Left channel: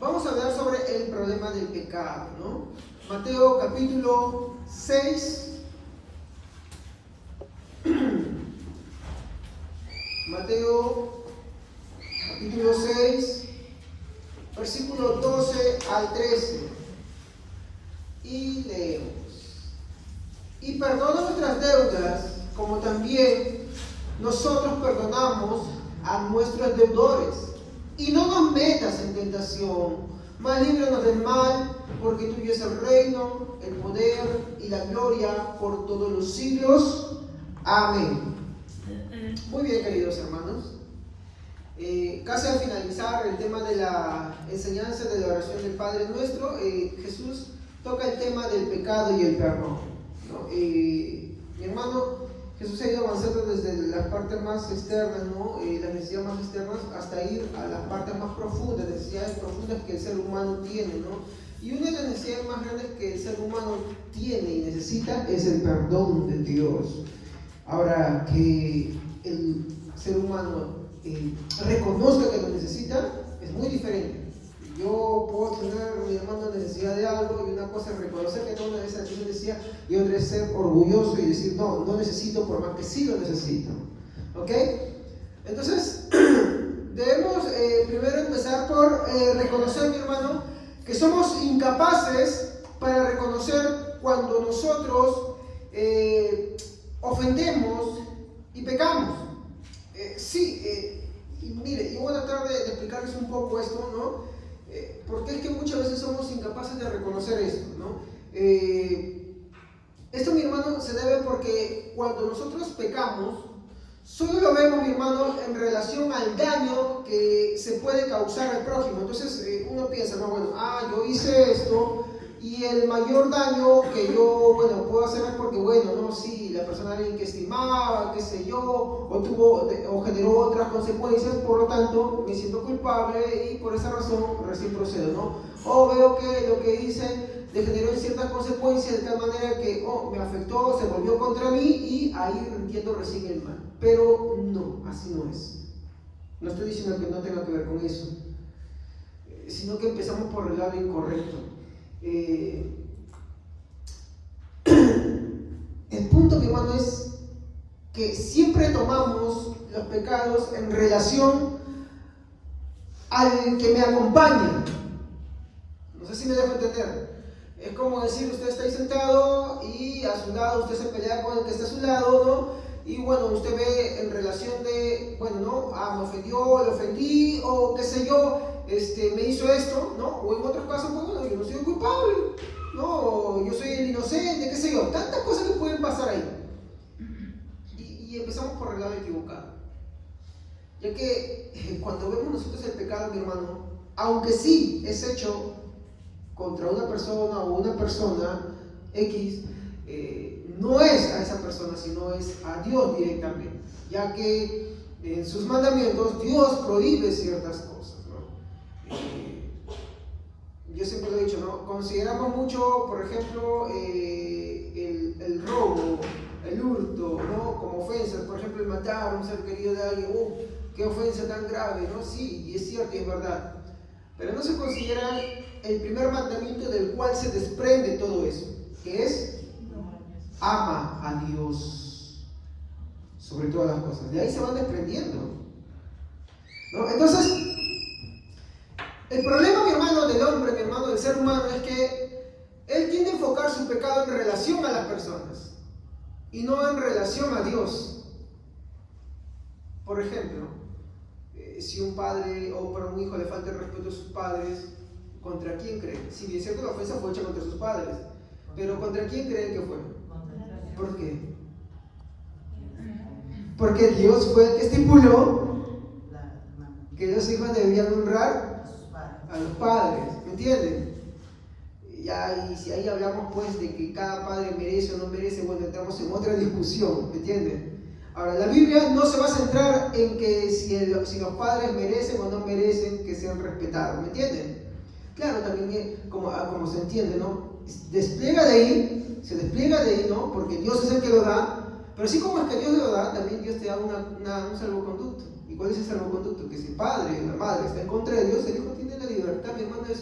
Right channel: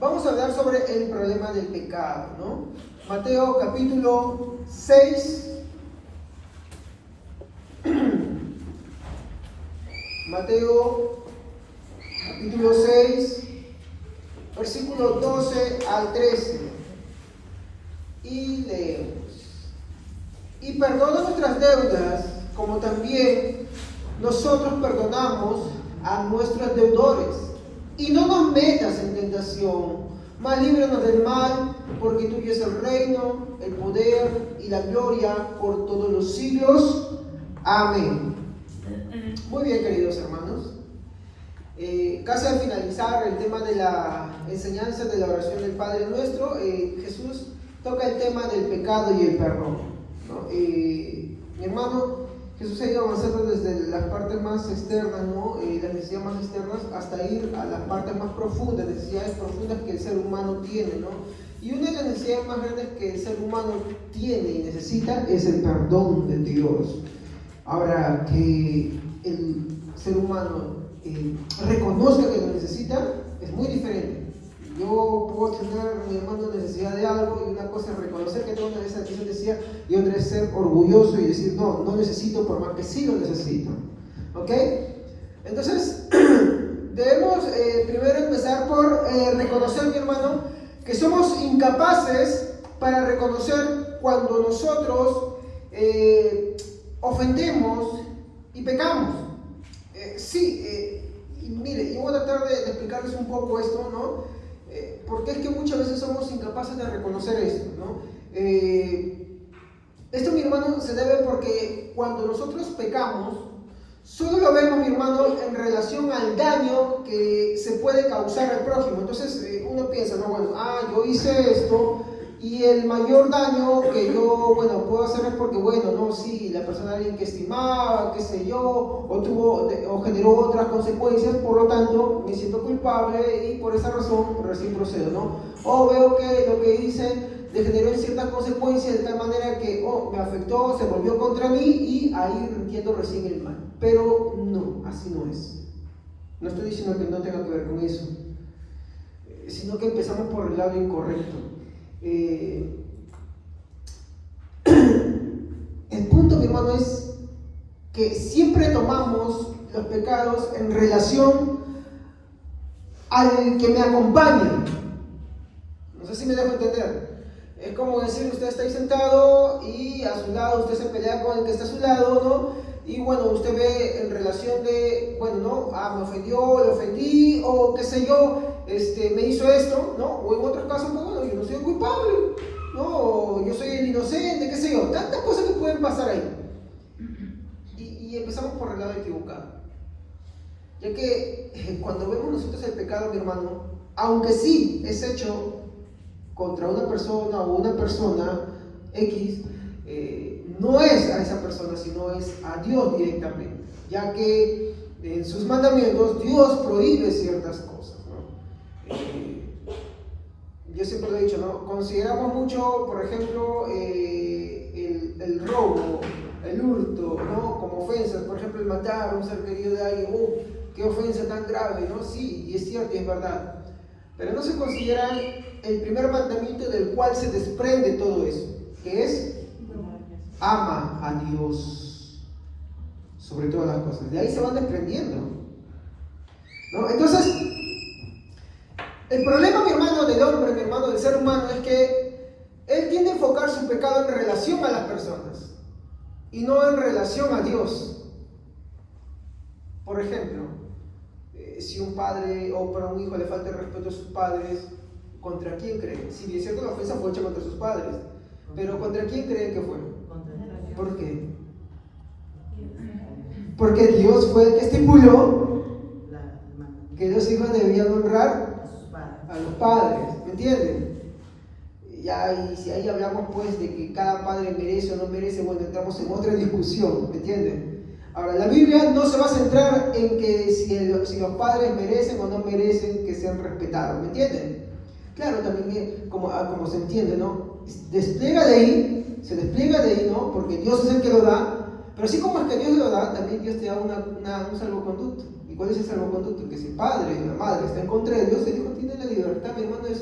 vamos a hablar sobre el problema del pecado, ¿no? Mateo capítulo 6. Mateo capítulo 6, versículo 12 al 13. Y leemos. Y perdona nuestras deudas, como también nosotros perdonamos a nuestros deudores. Y no nos metas en tentación, mas líbranos del mal, porque tuyo es el reino, el poder y la gloria por todos los siglos. Amén. Muy bien, queridos hermanos. Casi al finalizar el tema de la enseñanza de la oración del Padre Nuestro, Jesús toca el tema del pecado y el perdón, ¿no? Mi hermano, Jesús ha ido avanzando desde las partes más externas, ¿no? Las necesidades más externas, hasta ir a las partes más profundas, necesidades profundas que el ser humano tiene, ¿no? Y una de las necesidades más grandes que el ser humano tiene y necesita es el perdón de Dios. Ahora, que el ser humano reconozca que lo necesita es muy diferente. Yo puedo tener, mi hermano, necesidad de algo, y una cosa es reconocer que tengo una necesidad y otra es ser orgulloso y decir no necesito, por más que sí lo necesito. ¿Ok? Entonces debemos primero empezar por reconocer, mi hermano, que somos incapaces para reconocer cuando nosotros ofendemos y pecamos. Y mire, yo voy a tratar de explicarles un poco esto, ¿no? Porque es que muchas veces somos incapaces de reconocer esto, ¿no? Esto, mi hermano, se debe porque cuando nosotros pecamos, solo lo vemos, mi hermano, en relación al daño que se puede causar al prójimo. Entonces uno piensa, no, bueno, yo hice esto, y el mayor daño que yo, puedo hacer es porque, la persona alguien que estimaba, qué sé yo, o generó otras consecuencias, por lo tanto, me siento culpable y por esa razón recién procedo, ¿no? O veo que lo que hice le generó ciertas consecuencias de tal manera que, me afectó, se volvió contra mí y ahí entiendo recién el mal. Pero no, así no es. No estoy diciendo que no tenga que ver con eso, sino que empezamos por el lado incorrecto. El punto, mi hermano, es que siempre tomamos los pecados en relación al que me acompaña. No sé si me dejo entender. Es como decir, usted está ahí sentado y a su lado usted se pelea con el que está a su lado, ¿no? Y usted ve en relación de, me ofendió, le ofendí, o qué sé yo, me hizo esto, ¿no? O en otros casos, yo no soy el culpable, ¿no? Yo soy el inocente, qué sé yo. Tantas cosas que pueden pasar ahí. Y empezamos por el lado equivocado. Ya que cuando vemos nosotros el pecado, mi hermano, aunque sí es hecho contra una persona o una persona X, no es a esa persona, sino es a Dios directamente, ya que en sus mandamientos Dios prohíbe ciertas cosas, ¿no? Yo siempre lo he dicho, ¿no? Consideramos mucho, por ejemplo, el robo, el hurto, ¿no? Como ofensas. Por ejemplo, el matar a un ser querido de alguien, qué ofensa tan grave, ¿no? Sí, y es cierto y es verdad. Pero no se considera el primer mandamiento del cual se desprende todo eso, que es ama a Dios sobre todas las cosas. De ahí se van desprendiendo, ¿no? Entonces, el problema, mi hermano, del hombre, mi hermano, del ser humano, es que él tiende a enfocar su pecado en relación a las personas y no en relación a Dios. Por ejemplo, si un padre o para un hijo le falta el respeto a sus padres, ¿contra quién creen? Si bien es cierto, la ofensa fue hecha contra sus padres, pero ¿contra quién creen que fue? ¿Por qué? Porque Dios fue el que estipuló que los hijos debían honrar a los padres, ¿me entienden? Y si ahí hablamos pues de que cada padre merece o no merece, entramos en otra discusión, ¿me entienden? Ahora, la Biblia no se va a centrar en que si los padres merecen o no merecen que sean respetados, ¿me entienden? Claro, también como se entiende, ¿no? Se despliega de ahí, ¿no? Porque Dios es el que lo da, pero así como es que Dios lo da, también Dios te da un salvoconducto. ¿Y cuál es el salvoconducto? Que si el padre o la madre está en contra de Dios, el hijo tiene la libertad, mi hermano, de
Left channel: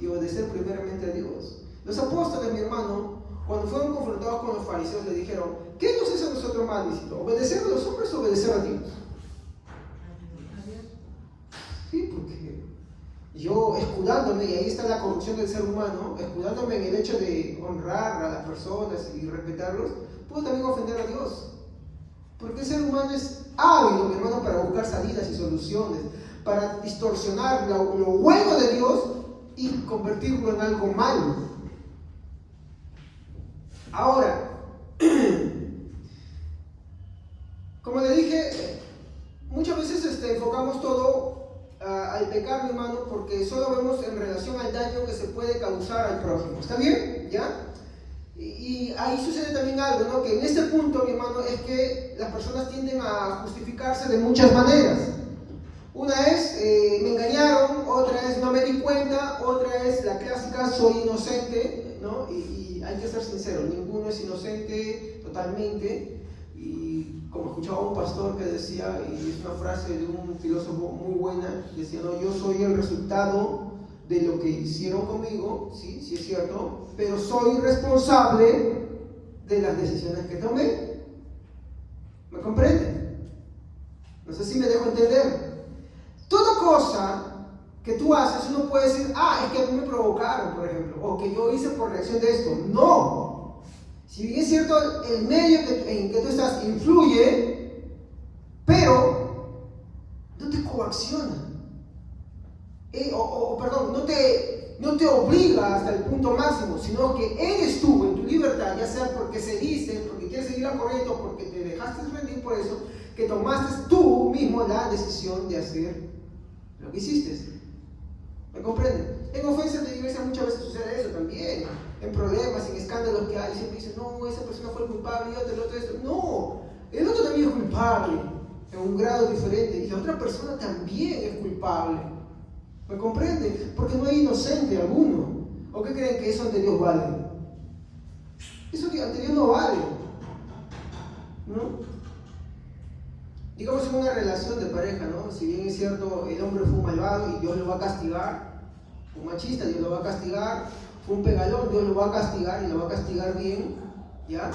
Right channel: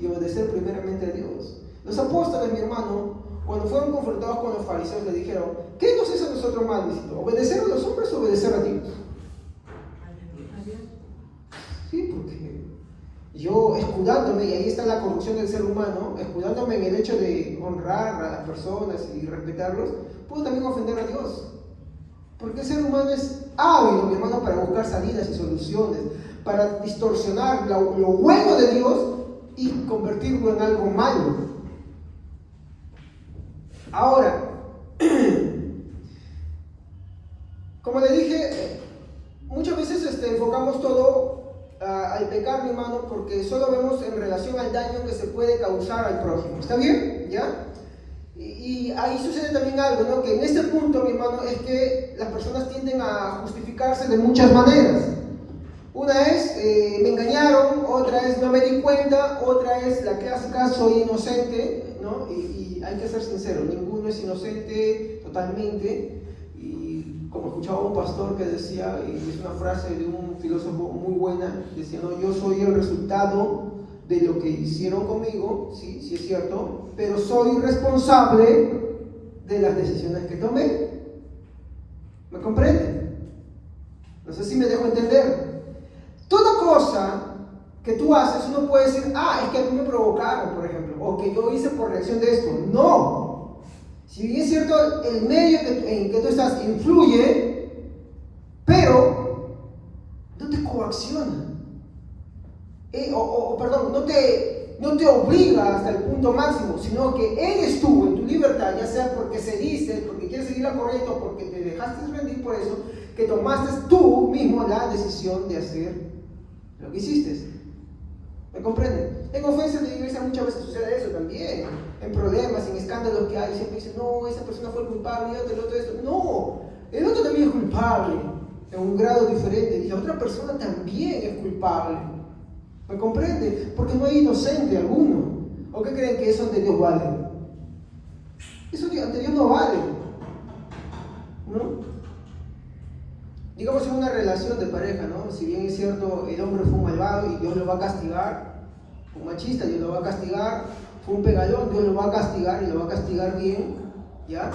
y obedecer primeramente a Dios. Los apóstoles, mi hermano, cuando fueron confrontados con los fariseos, le dijeron: ¿qué nos es a nosotros más lícito? ¿Obedecer a los hombres o obedecer a Dios? Sí, porque yo, escudándome, y ahí está la corrupción del ser humano, escudándome en el hecho de honrar a las personas y respetarlos, puedo también ofender a Dios. Porque el ser humano es hábil, mi hermano, para buscar salidas y soluciones, para distorsionar lo bueno de Dios y convertirlo en algo malo. Ahora, como le dije, muchas veces enfocamos todo al pecar, mi hermano, porque solo vemos en relación al daño que se puede causar al prójimo. ¿Está bien? ¿Ya? Y ahí sucede también algo, ¿no? Que en este punto, mi hermano, es que las personas tienden a justificarse de muchas maneras. Una es, me engañaron; otra es, no me di cuenta; otra es la clásica, soy inocente, ¿no? Y hay que ser sincero, ninguno es inocente totalmente. Y como escuchaba un pastor que decía, y es una frase de un filósofo muy buena, decía: no, yo soy el resultado de lo que hicieron conmigo, sí, sí es cierto, pero soy responsable de las decisiones que tomé. ¿Me comprende? No sé si me dejo entender. Toda cosa que tú haces, uno puede decir: ah, es que a mí me provocaron, por ejemplo, o que yo hice por reacción de esto. No. Si bien es cierto, el medio en que tú estás influye, pero no te coacciona. Perdón, no te obliga hasta el punto máximo, sino que eres tú, en tu libertad, ya sea porque cediste, porque quieres seguir la corriente o porque te dejaste rendir por eso, que tomaste tú mismo la decisión de hacer lo que hiciste. ¿Me comprenden? En conferencias de iglesia muchas veces sucede eso también, en problemas, en escándalos que hay, siempre dicen: no, esa persona fue el culpable, el otro esto. No, el otro también es culpable, en un grado diferente, y la otra persona también es culpable. ¿Me comprende? Porque no hay inocente alguno. ¿O qué creen que eso ante Dios vale? Eso ante Dios no vale, ¿no? Digamos en una relación de pareja, ¿no? Si bien es cierto, el hombre fue un malvado y Dios lo va a castigar, fue un machista, Dios lo va a castigar, fue un pegalón, Dios lo va a castigar y lo va a castigar bien, ¿ya?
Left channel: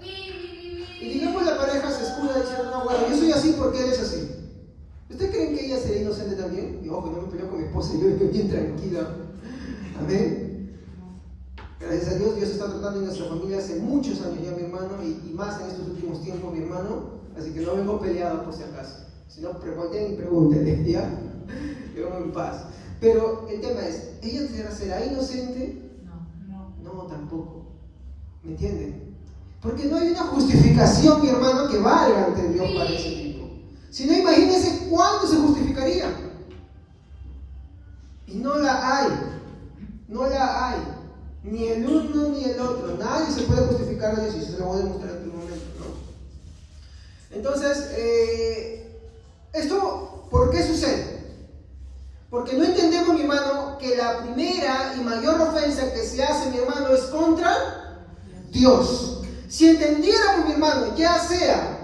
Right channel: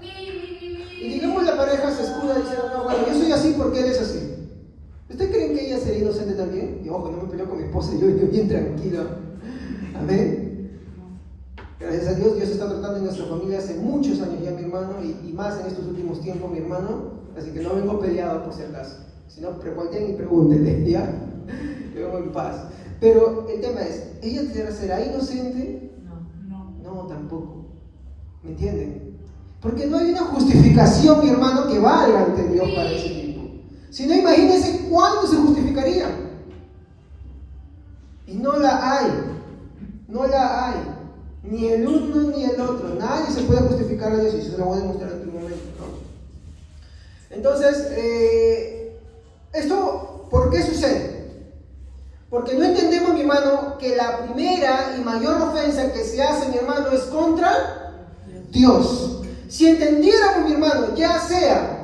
Y digamos la pareja se escuda diciendo: no, bueno, yo soy así porque eres así. ¿Ustedes creen que ella sería inocente también? Y ojo, no me peleo con mi esposa, yo bien tranquilo. Amén. Gracias a Dios, Dios está tratando en nuestra familia hace muchos años ya, mi hermano, y más en estos últimos tiempos, mi hermano. Así que no vengo peleado por si acaso. Si no, volteen y pregúntenle, ¿ya? Yo vengo en paz. Pero el tema es, ¿ella será inocente? No, tampoco. ¿Me entienden? Porque no hay una justificación, mi hermano, que valga ante Dios para ese tipo. Si no, imagínense cuándo se justificaría. Y no la hay. No la hay. Ni el uno ni el otro. Nadie se puede justificar a Dios, y eso se lo voy a demostrar en tu momento, ¿no? Entonces, ¿esto por qué sucede? Porque no entendemos, mi hermano, que la primera y mayor ofensa que se hace, mi hermano, es contra Dios. Si entendiéramos, mi hermano, ya sea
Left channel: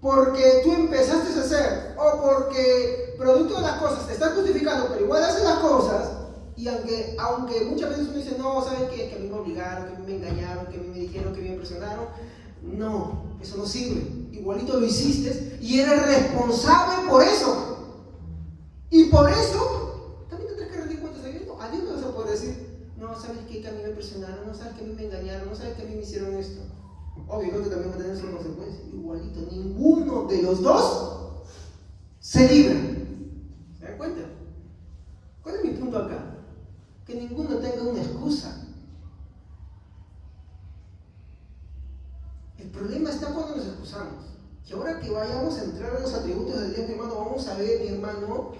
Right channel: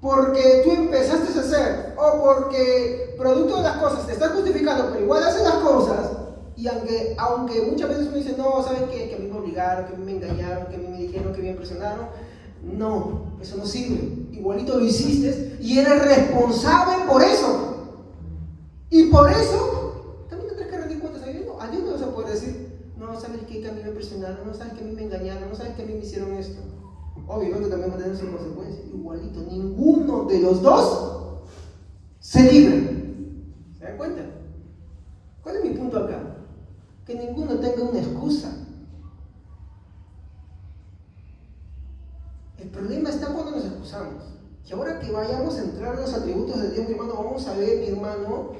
porque tú empezaste a hacer, o porque producto de las cosas te estás justificando, pero igual haces las cosas, y aunque muchas veces uno dice: no, ¿saben qué? Que a mí me obligaron, que a mí me engañaron, que a mí me dijeron, que me impresionaron. No, eso no sirve. Igualito lo hiciste y eres responsable por eso. Y por eso también tendrás que rendir cuentas a Dios. No, a Dios no vas a poder decir: no, ¿sabes qué? Que a mí me presionaron, no, ¿sabes que a mí me engañaron, no, ¿sabes que a mí me hicieron esto? Obviamente también va a tener sus consecuencias. Igualito, ninguno de los dos se libra. ¿Se dan cuenta? ¿Cuál es mi punto acá? Que ninguno tenga una excusa. El problema está cuando nos excusamos. Y ahora que vayamos a entrar en los atributos de Dios, mi hermano, vamos a ver, mi hermano,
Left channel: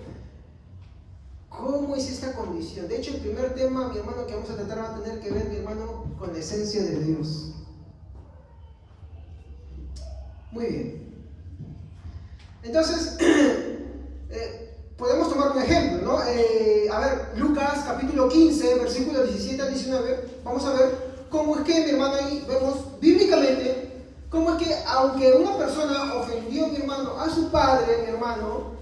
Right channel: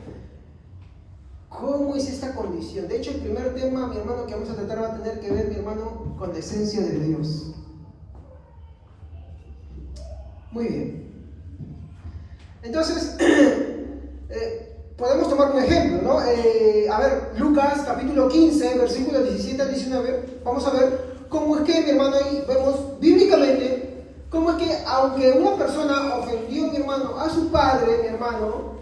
cómo es esta condición. De hecho, el primer tema, mi hermano, que vamos a tratar va a tener que ver, mi hermano, con la esencia de Dios. Muy bien. Entonces, podemos tomar un ejemplo, ¿no? A ver, Lucas capítulo 15, versículos 17 al 19. Vamos a ver cómo es que, mi hermano, ahí vemos bíblicamente cómo es que, aunque una persona ofendió, mi hermano, a su padre, mi hermano,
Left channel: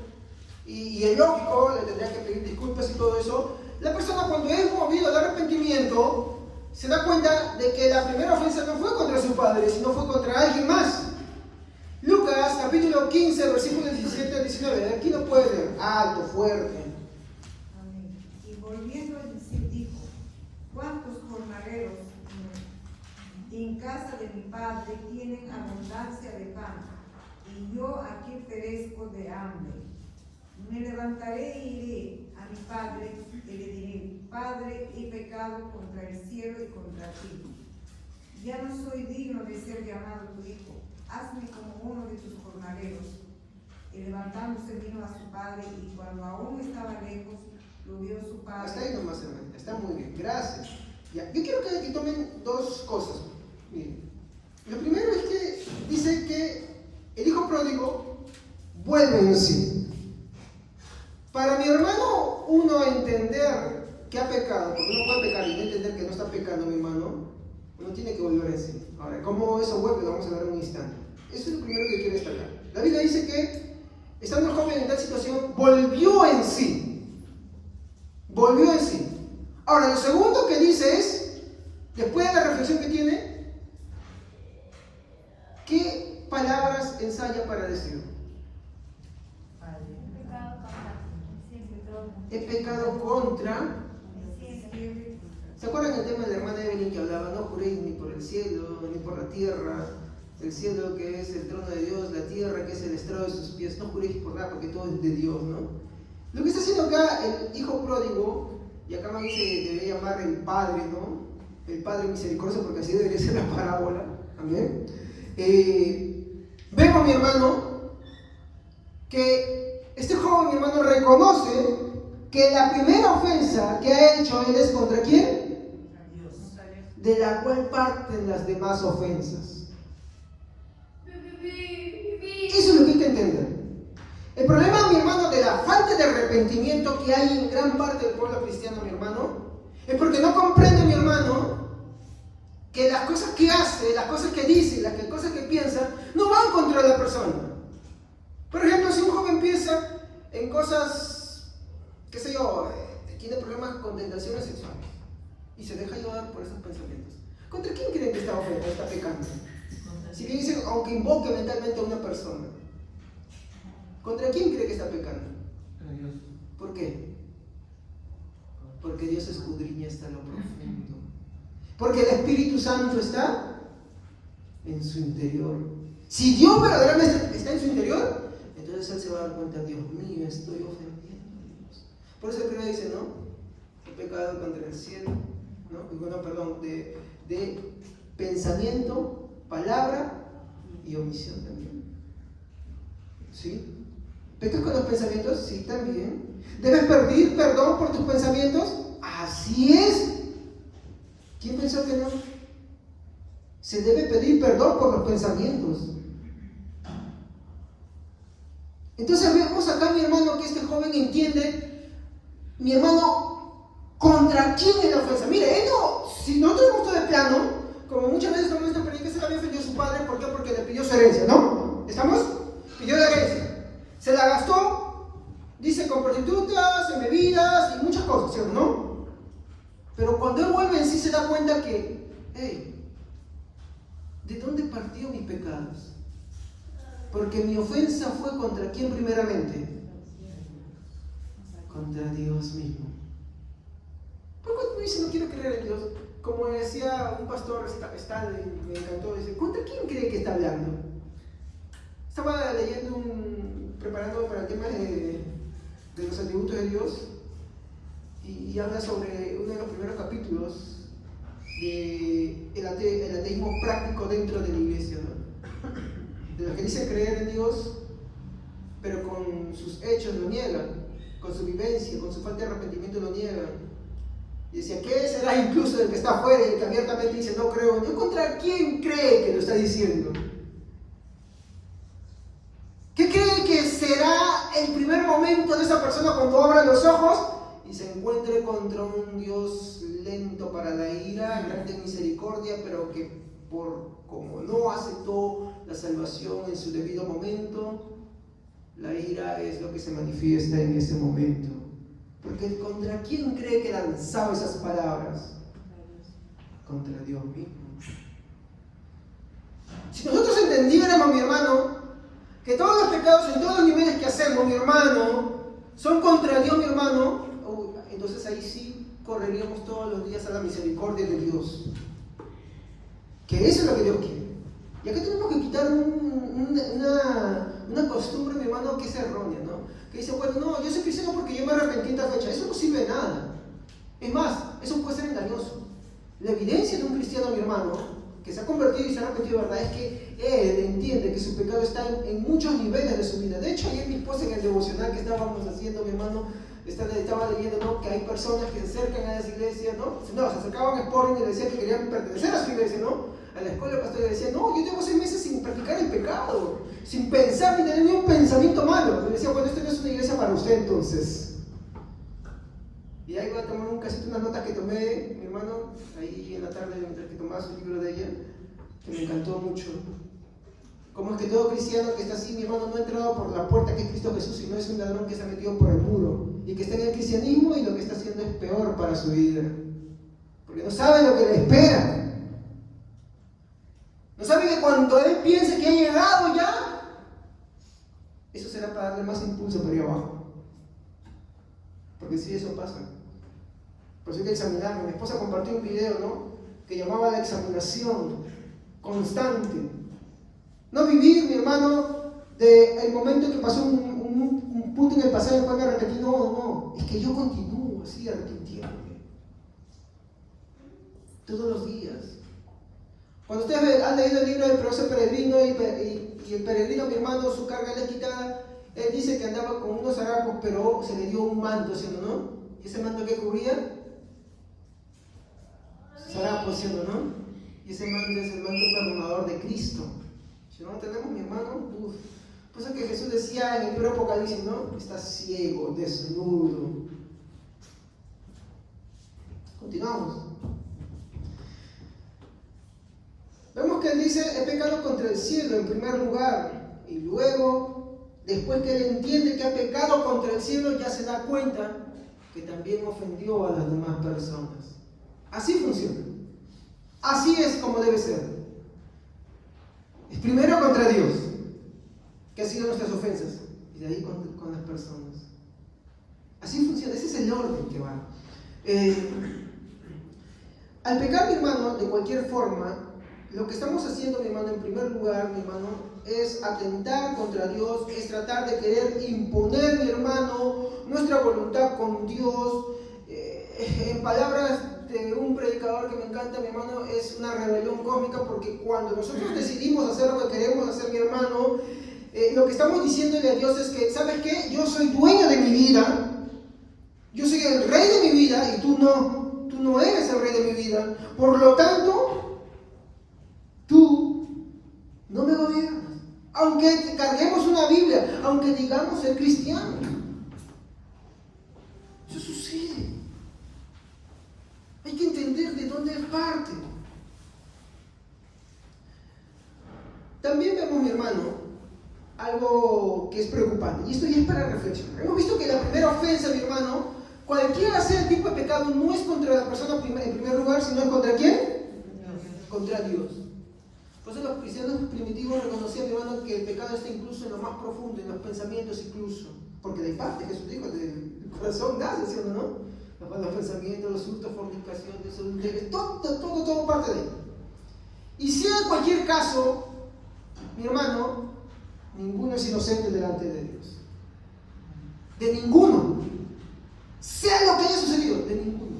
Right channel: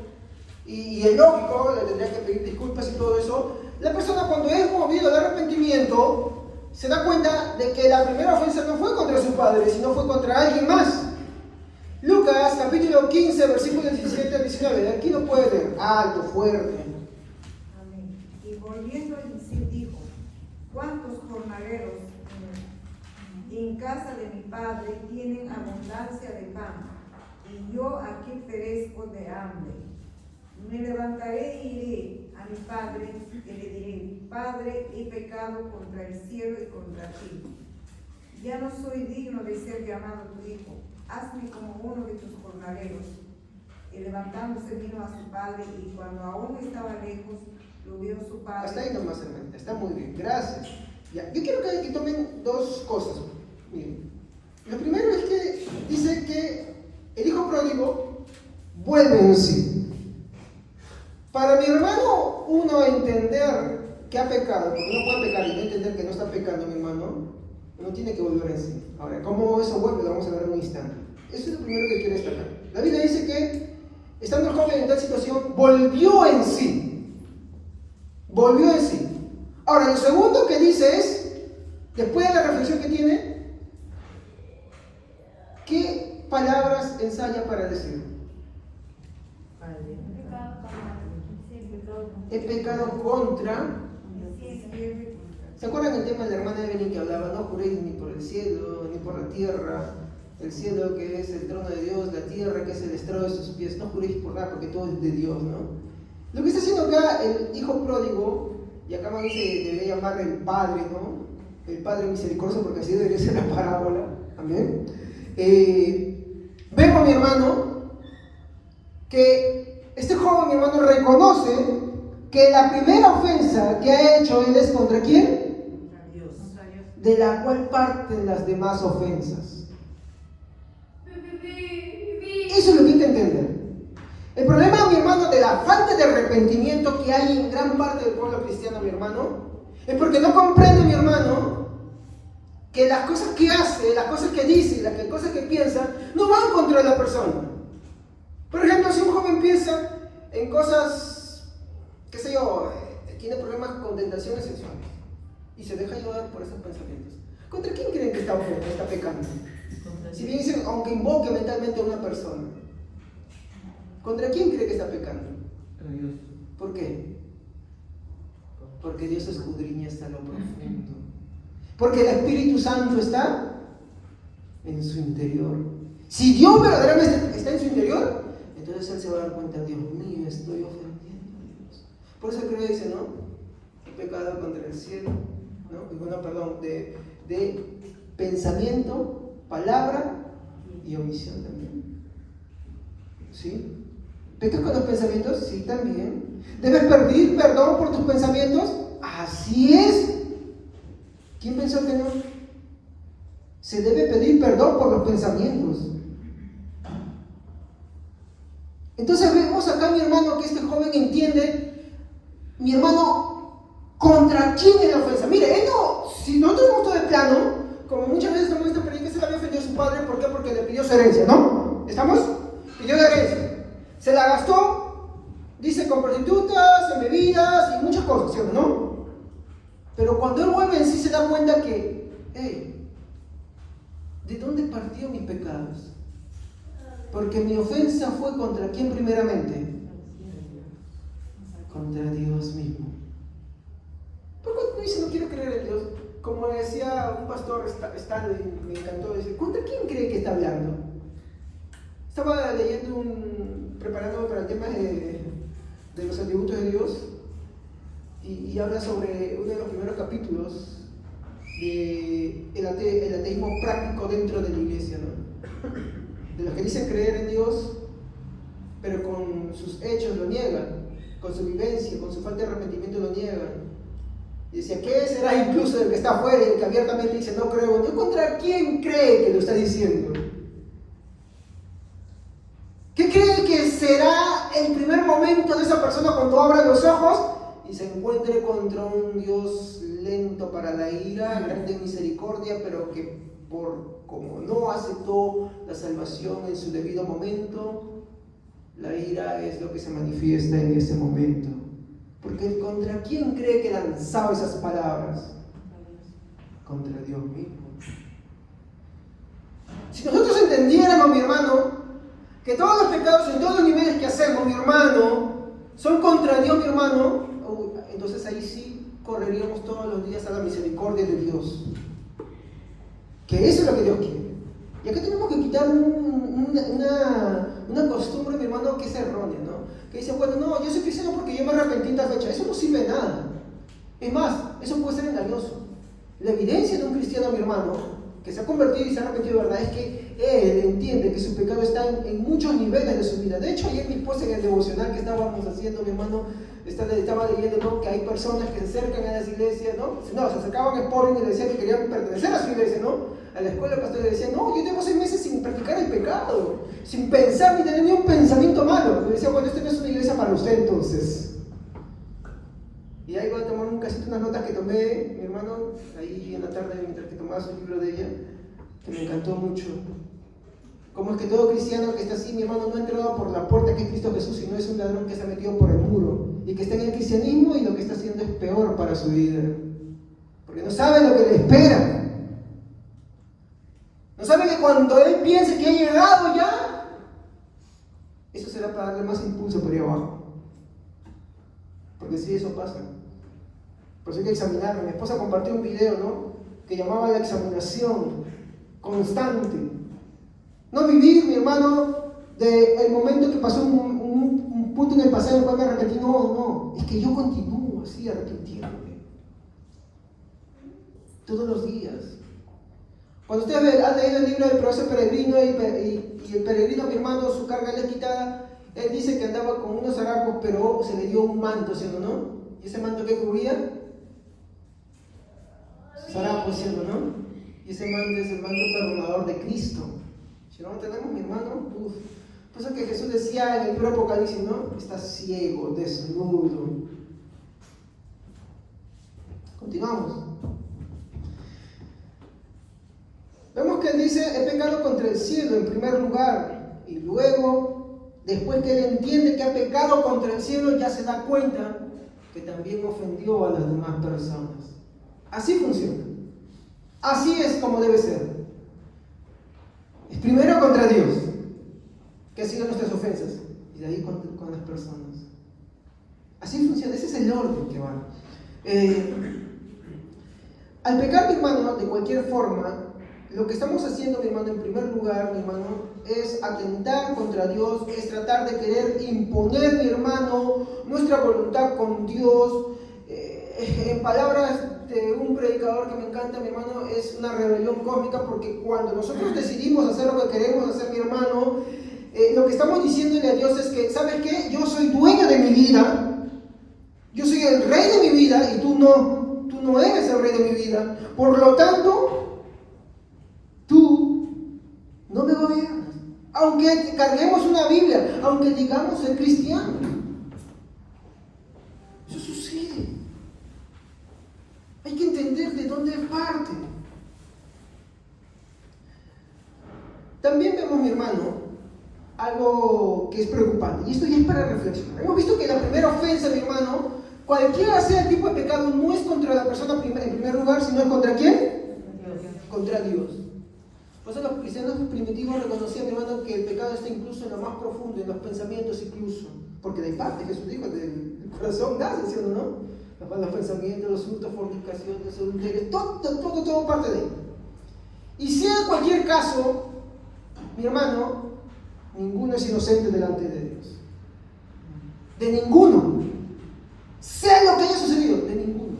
y es lógico, le tendría que pedir disculpas y todo eso, la persona persona cuando es movido al arrepentimiento, se da cuenta de que la primera ofensa no fue contra su padre, sino fue contra alguien más. Lucas capítulo 15, versículos 17 al 19. Aquí lo puede leer, alto, fuerte. Amén. Y volviendo en sí dijo: ¿Cuántos jornaleros en casa de mi padre tienen abundancia de pan, y yo aquí perezco de hambre? Me levantaré y iré a mi padre y le diré: Padre, he pecado contra el cielo y contra ti. Ya no soy digno de ser llamado tu hijo. Hazme como uno de tus jornaleros. Y levantándose vino a su padre, y cuando aún estaba lejos, lo vio su padre. Hasta ahí nomás, hermanita, está muy bien, gracias. Ya, yo quiero que tomen dos cosas. Miren, lo primero es que dice que el hijo pródigo vuelve en sí. Para mi hermano, uno entender que ha pecado, porque uno puede pecar y no entender que no está pecando, mi hermano, uno tiene que volver en sí. Ahora, ¿cómo eso vuelve? Lo vamos a ver en un instante. Eso es lo primero que quiero destacar. La Biblia dice que, estando el joven en tal situación, volvió en sí. Volvió en sí. Ahora, lo segundo que dice es, después de la reflexión que tiene, ¿qué palabras ensaya para decir? He pecado contra. ¿Se acuerdan el tema de la hermana Evelyn que hablaba? No juréis ni por el cielo, ni por la tierra. El cielo que es el trono de Dios, la tierra que es el estrado de sus pies. No juréis por nada porque todo es de Dios, ¿no? Lo que está haciendo acá el hijo pródigo, y acá más bien se debería llamar el padre, ¿no? El padre misericordioso, porque así debería ser la parábola. Amén. Vemos, mi hermano, que este joven, mi hermano, reconoce que la primera ofensa que ha hecho él es ¿contra quién? Dios. De la cual parten las demás ofensas. Eso es lo que hay que entender. El problema, mi hermano, de la falta de arrepentimiento que hay en gran parte del pueblo cristiano, mi hermano, es porque no comprende, mi hermano, que las cosas que hace, las cosas que dice, las cosas que piensa, no van contra la persona. Por ejemplo, si un joven piensa en cosas, qué sé yo, tiene problemas con tentaciones sexuales y se deja llevar por esos pensamientos, ¿contra quién creen que está pecando? Si bien dice, aunque invoque mentalmente a una persona, ¿contra quién cree que está pecando? ¿Por qué? Porque Dios escudriña hasta lo profundo. Porque el Espíritu Santo está en su interior. Si Dios verdaderamente está en su interior, entonces Él se va a dar cuenta: Dios mío, estoy ofendiendo a Dios. Por eso creo que dice, ¿no? He pecado contra el cielo, ¿no? Y bueno, perdón, de pensamiento, palabra y omisión también. ¿Sí? ¿Pecas con los pensamientos? Sí, también. ¿Debes pedir perdón por tus pensamientos? Así es. ¿Quién pensó que no? Se debe pedir perdón por los pensamientos. Entonces vemos acá, mi hermano, que este joven entiende, mi hermano, contra quién es la ofensa. Mire, él no, si nosotros vemos todo de plano, como muchas veces estamos viendo que se le había ofendido a su padre. ¿Por qué? Porque le pidió su herencia, ¿no? ¿Estamos? Pidió la herencia. Se la gastó, dice, con prostitutas, en bebidas y muchas cosas, ¿sí o no? Pero cuando él vuelve en sí se da cuenta que, hey, ¿de dónde partió mis pecados? Porque mi ofensa fue ¿contra quién primeramente? Contra Dios mismo. ¿Por qué dice no quiero creer en Dios? Como decía un pastor, Stanley, me encantó, dice, ¿contra quién cree que está hablando? Estaba leyendo preparándome para el tema de los atributos de Dios y habla sobre uno de los primeros capítulos del ateísmo práctico dentro de la iglesia, ¿no? De los que dicen creer en Dios, pero con sus hechos lo niegan, con su vivencia, con su falta de arrepentimiento lo niegan. Y decía, ¿qué será incluso del que está afuera y el que abiertamente dice no creo en Dios? ¿Contra quién cree que lo está diciendo? ¿Qué cree que será el primer momento de esa persona cuando abra los ojos y se encuentre contra un Dios lento para la ira, grande en misericordia, pero que como no aceptó la salvación en su debido momento, la ira es lo que se manifiesta en ese momento? ¿Por qué? Porque ¿contra quién cree que lanzaba esas palabras? Contra Dios mismo. Si nosotros entendiéramos, mi hermano, que todos los pecados en todos los niveles que hacemos, mi hermano, son contra Dios, mi hermano, entonces ahí sí correríamos todos los días a la misericordia de Dios. Que eso es lo que Dios quiere. Y acá tenemos que quitar una costumbre, mi hermano, que es errónea, ¿no? Que dice, bueno, no, yo soy cristiano porque yo me arrepentí en tal fecha. Eso no sirve de nada. Es más, eso puede ser engañoso. La evidencia de un cristiano, mi hermano, que se ha convertido y se ha arrepentido de verdad, es que él entiende que su pecado está en muchos niveles de su vida. De hecho, ayer mi esposa en el devocional que estábamos haciendo, mi hermano, estaba leyendo, ¿no?, que hay personas que se acercan a las iglesias, ¿no? No, se acercaban a Sporting y le decían que querían pertenecer a su iglesia, ¿no? A la escuela pastor le decían, no, yo tengo 6 meses sin practicar el pecado, sin pensar ni tener ni un pensamiento malo. Le decían, bueno, esto no es una iglesia para usted entonces. Y ahí voy a tomar un casito, unas notas que tomé, mi hermano, ahí en la tarde mientras que tomaba su libro de ella, que me encantó mucho. Cómo es que todo cristiano que está así, mi hermano, no ha entrado por la puerta que es Cristo Jesús, sino es un ladrón que se ha metido por el muro y que está en el cristianismo y lo que está haciendo es peor para su vida. Porque no sabe lo que le espera. No sabe que cuando él piense que ha llegado ya, eso será para darle más impulso por ahí abajo. Porque sí, eso pasa. Por eso hay que examinarlo. Mi esposa compartió un video, ¿no?, que llamaba la examinación constante. No vivir, mi hermano, del momento que pasó un punto en el pasado en el cual me arrepentí. No, es que yo continúo así arrepintiéndome. Todos los días. Cuando ustedes han leído el libro del profesor peregrino y el peregrino, mi hermano, su carga le es quitada, él dice que andaba con unos harapos, pero se le dio un manto, ¿sí o no? ¿Y ese manto qué cubría? Harapos, ¿sí o no? Y ese manto es el manto perdonador de Cristo. Si no lo tenemos, mi hermano, por eso que Jesús decía en el libro Apocalipsis, ¿no? Está ciego, desnudo. Continuamos. Vemos que él dice, he pecado contra el cielo en primer lugar, y luego, después que él entiende que ha pecado contra el cielo, ya se da cuenta que también ofendió a las demás personas. Así funciona. Así es como debe ser. Es primero contra Dios, que ha sido nuestras ofensas, y de ahí con las personas. Así funciona, ese es el orden que va. Al pecar, mi hermano, de cualquier forma, lo que estamos haciendo, mi hermano, en primer lugar, mi hermano, es atentar contra Dios, es tratar de querer imponer, mi hermano, nuestra voluntad con Dios. En palabras de un predicador que me encanta, mi hermano, es una rebelión cósmica, porque cuando nosotros decidimos hacer lo que queremos hacer, mi hermano, lo que estamos diciéndole a Dios es que, ¿sabes qué? Yo soy dueño de mi vida, yo soy el rey de mi vida y tú no eres el rey de mi vida. Por lo tanto, tú no me gobiernas. Aunque carguemos una Biblia, aunque digamos ser cristiano. Eso sucede. Hay que entender de dónde parte. También vemos, mi hermano, algo que es preocupante. Y esto ya es para reflexionar. Hemos visto que la primera ofensa, mi hermano, cualquiera sea el tipo de pecado, no es contra la persona en primer lugar, sino es contra ¿quién? Contra Dios. Por eso los cristianos primitivos reconocían, mi hermano, que el pecado está incluso en lo más profundo, en los pensamientos incluso. Porque de parte, Jesús dijo, del corazón nace, ¿sí o no? Los pensamientos, los hurtos, fornicaciones, adulterios, todo parte de él. Y sea en cualquier caso, mi hermano, ninguno es inocente delante de Dios. De ninguno. Sea lo que haya sucedido, de ninguno.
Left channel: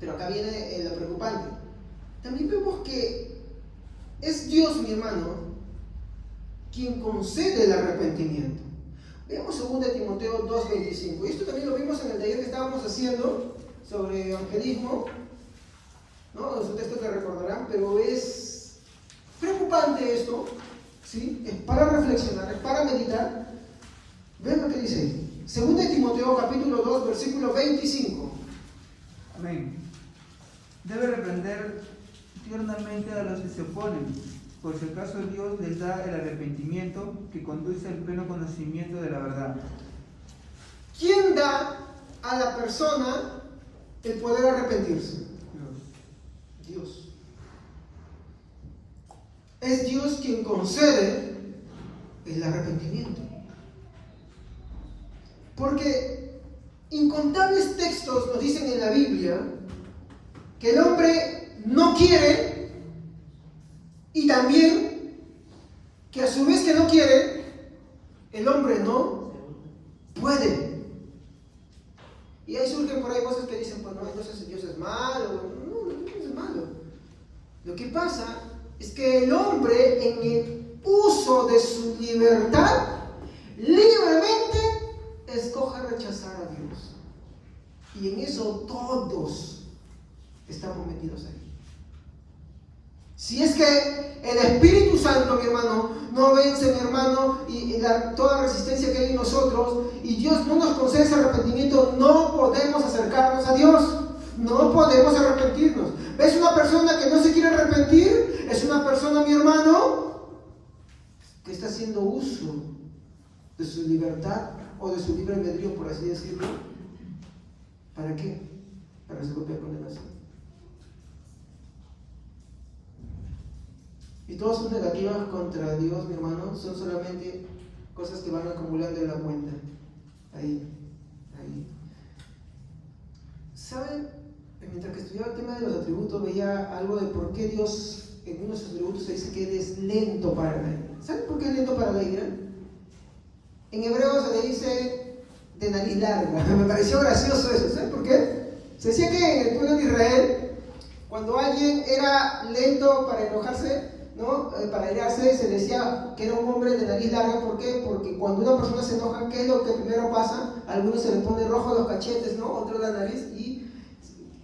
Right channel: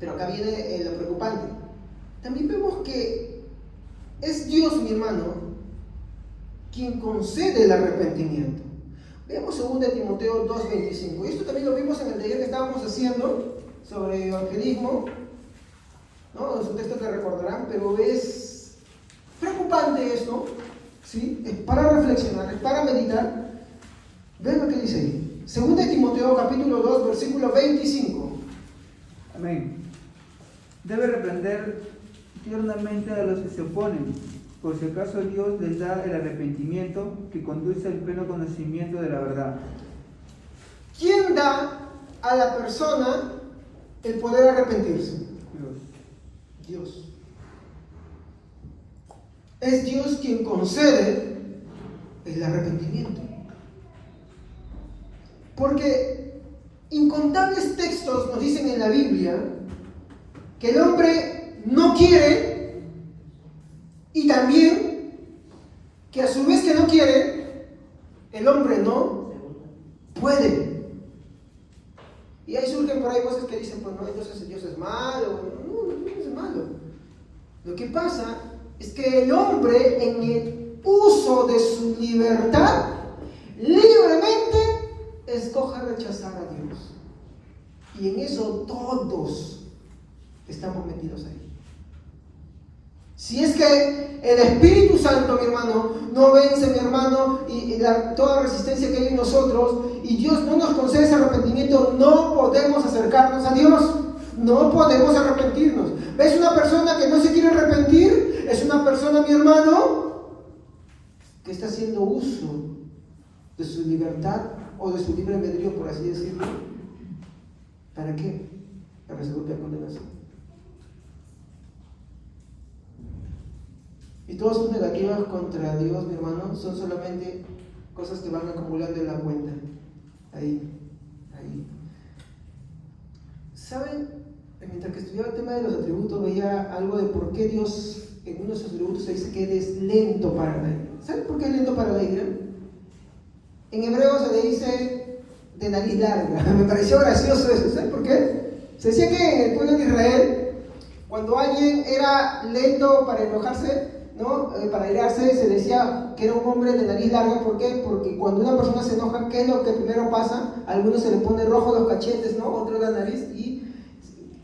Pero acá viene lo preocupante. También vemos que es Dios, mi hermano, quien concede el arrepentimiento. Veamos 2 Timoteo 2:25. Y esto también lo vimos en el taller que estábamos haciendo sobre evangelismo, ¿no? Es un texto que recordarán, pero es preocupante esto, ¿sí? Es para reflexionar, es para meditar. Ven lo que dice ahí. 2 Timoteo capítulo 2, versículo 25. Amén. Debe reprender tiernamente a los que se oponen, Por si acaso Dios les da el arrepentimiento que conduce al pleno conocimiento de la verdad. ¿Quién da a la persona el poder arrepentirse? Dios. Es Dios quien concede el arrepentimiento. Porque incontables textos nos dicen en la Biblia que el hombre no quiere, y también que a su vez que no quiere, el hombre no puede. Y ahí surgen por ahí cosas que dicen, pues no, entonces Dios es malo. No, Dios es malo. Lo que pasa es que el hombre, en el uso de su libertad, libremente escoge rechazar a Dios. Y en eso todos estamos metidos ahí. Si es que el Espíritu Santo, mi hermano, no vence, mi hermano, y toda resistencia que hay en nosotros, y Dios no nos concede ese arrepentimiento, no podemos acercarnos a Dios. No podemos arrepentirnos. ¿Ves una persona que no se quiere arrepentir? Es una persona, mi hermano, que está haciendo uso de su libertad o de su libre albedrío, por así decirlo. ¿Para qué? Para su propia condenación. Y todas sus negativas contra Dios, mi hermano, son solamente cosas que van acumulando en la cuenta. Ahí. ¿Saben? Mientras que estudiaba el tema de los atributos, veía algo de por qué Dios, en uno de sus atributos, se dice que Él es lento para la ira. ¿Saben por qué es lento para la ira? En hebreo se le dice de nariz larga. Me pareció gracioso eso. ¿Saben por qué? Se decía que en el pueblo de Israel, cuando alguien era lento para enojarse, ¿no? Para airarse, se decía que era un hombre de nariz larga. ¿Por qué? Porque cuando una persona se enoja, ¿qué es lo que primero pasa? A algunos se le pone rojo los cachetes, ¿no? Otro la nariz, y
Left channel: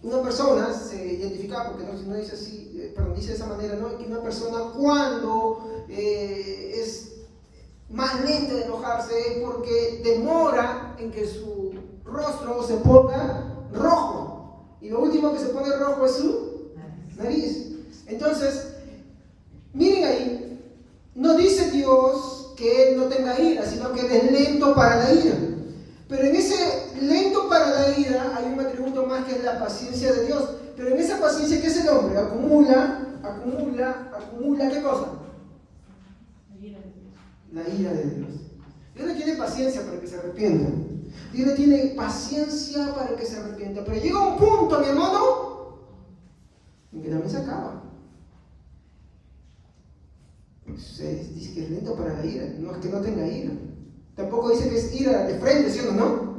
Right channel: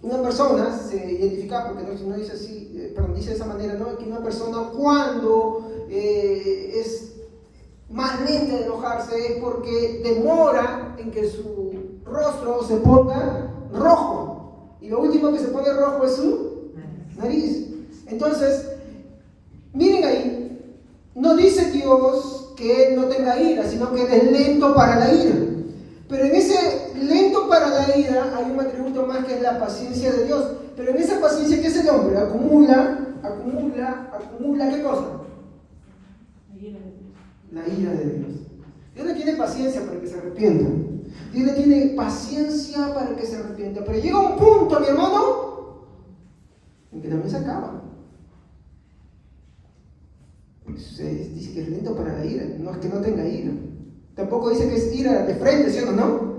una persona se identifica, porque no dice así, dice de esa manera, ¿no? Que una persona cuando es más lenta de enojarse es porque demora en que su rostro se ponga rojo. Y lo último que se pone rojo es su nariz. Entonces, miren ahí, no dice Dios que Él no tenga ira, sino que Él es lento para la ira. Pero en ese lento para la ira hay un atributo más, que es la paciencia de Dios. Pero en esa paciencia, ¿qué es el hombre? Acumula, ¿qué cosa? La ira de Dios. Dios le tiene paciencia para que se arrepienta. Dios le tiene paciencia para que se arrepienta. Pero llega un punto, mi hermano, en que también se acaba. Se dice que es lento para la ira, no es que no tenga ira. Tampoco dice que es ira de frente, ¿sí o no?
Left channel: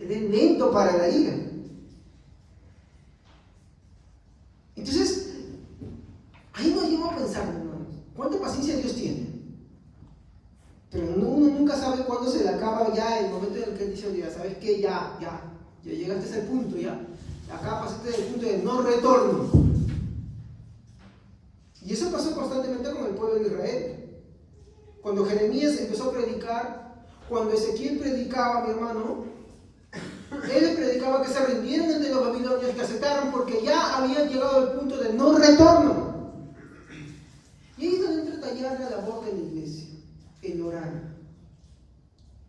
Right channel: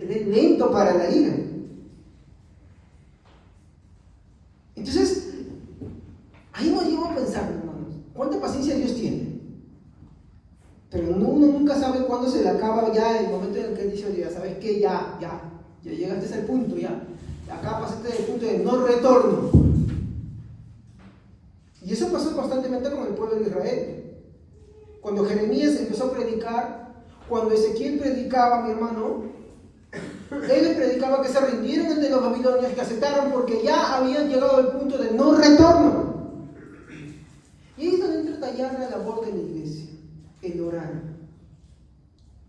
Él es lento para la ira. Entonces, ahí nos lleva a pensar, hermanos, ¿cuánta paciencia Dios tiene? Pero uno nunca sabe cuándo se le acaba ya el momento en el que Él dice, oye, ¿sabes qué? Ya llegaste a ese punto, ya. Acá pasaste del punto de no retorno. Y eso pasó constantemente con el pueblo de Israel. Cuando Jeremías empezó a predicar, cuando Ezequiel predicaba, mi hermano, él les predicaba que se rindieron ante los babilonios, que aceptaron, porque ya habían llegado al punto de no retorno. Y ahí es donde entra a tallar la labor de la iglesia, el orar.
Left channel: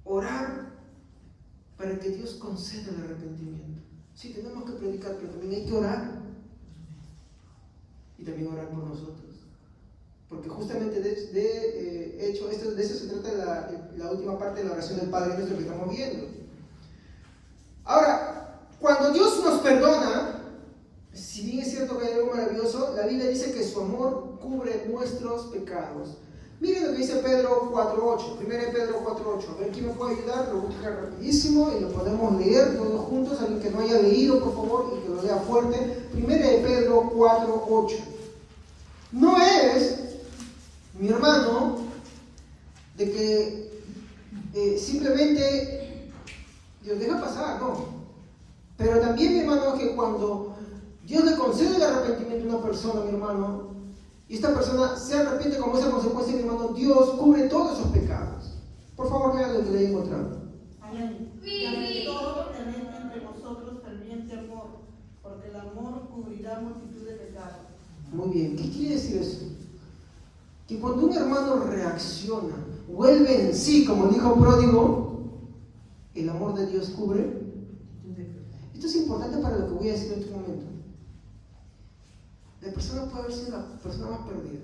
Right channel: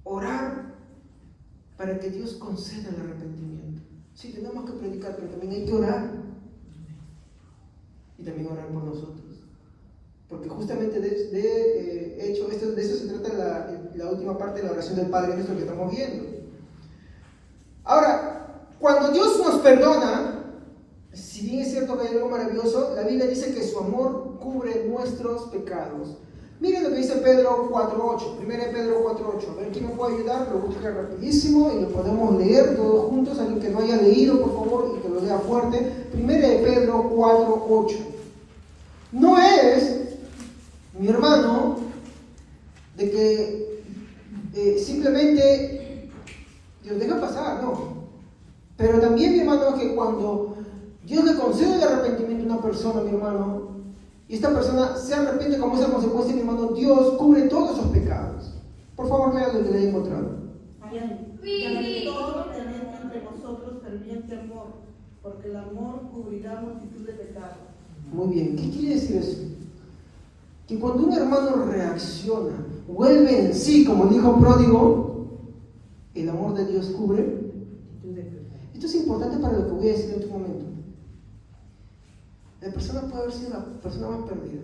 Orar para que Dios conceda el arrepentimiento. Sí, tenemos que predicar, pero también hay que orar. Y también orar por nosotros. Porque justamente de hecho, de eso se trata la última parte de la oración del Padre Nuestro que estamos viendo. Ahora, cuando Dios nos perdona, si bien es cierto que hay algo maravilloso, la Biblia dice que su amor cubre nuestros pecados. Miren lo que dice Pedro 4.8, 1 Pedro 4.8. A ver quién me puede ayudar, lo busca rapidísimo y lo podemos leer todos juntos. Alguien que no haya leído, por favor, y que lo lea fuerte. 1 Pedro 4.8. No es, mi hermano, de que simplemente Dios deja pasar, no. Pero también, mi hermano, es que cuando Dios le concede el arrepentimiento a una persona, mi hermano, y esta persona se arrepiente como esa consecuencia, mi hermano, Dios cubre todos esos pecados. Por favor, lean lo que le he encontrado. Y todo teniendo entre vosotros ferviente amor, porque el amor cubrirá multitud de pecados. Muy bien, ¿qué quiere decir eso? que cuando un hermano reacciona, vuelve en sí, como dijo Pródigo, el amor de Dios cubre. Esto es importante para lo que voy a decir en este momento. La persona puede haber sido la persona más perdida,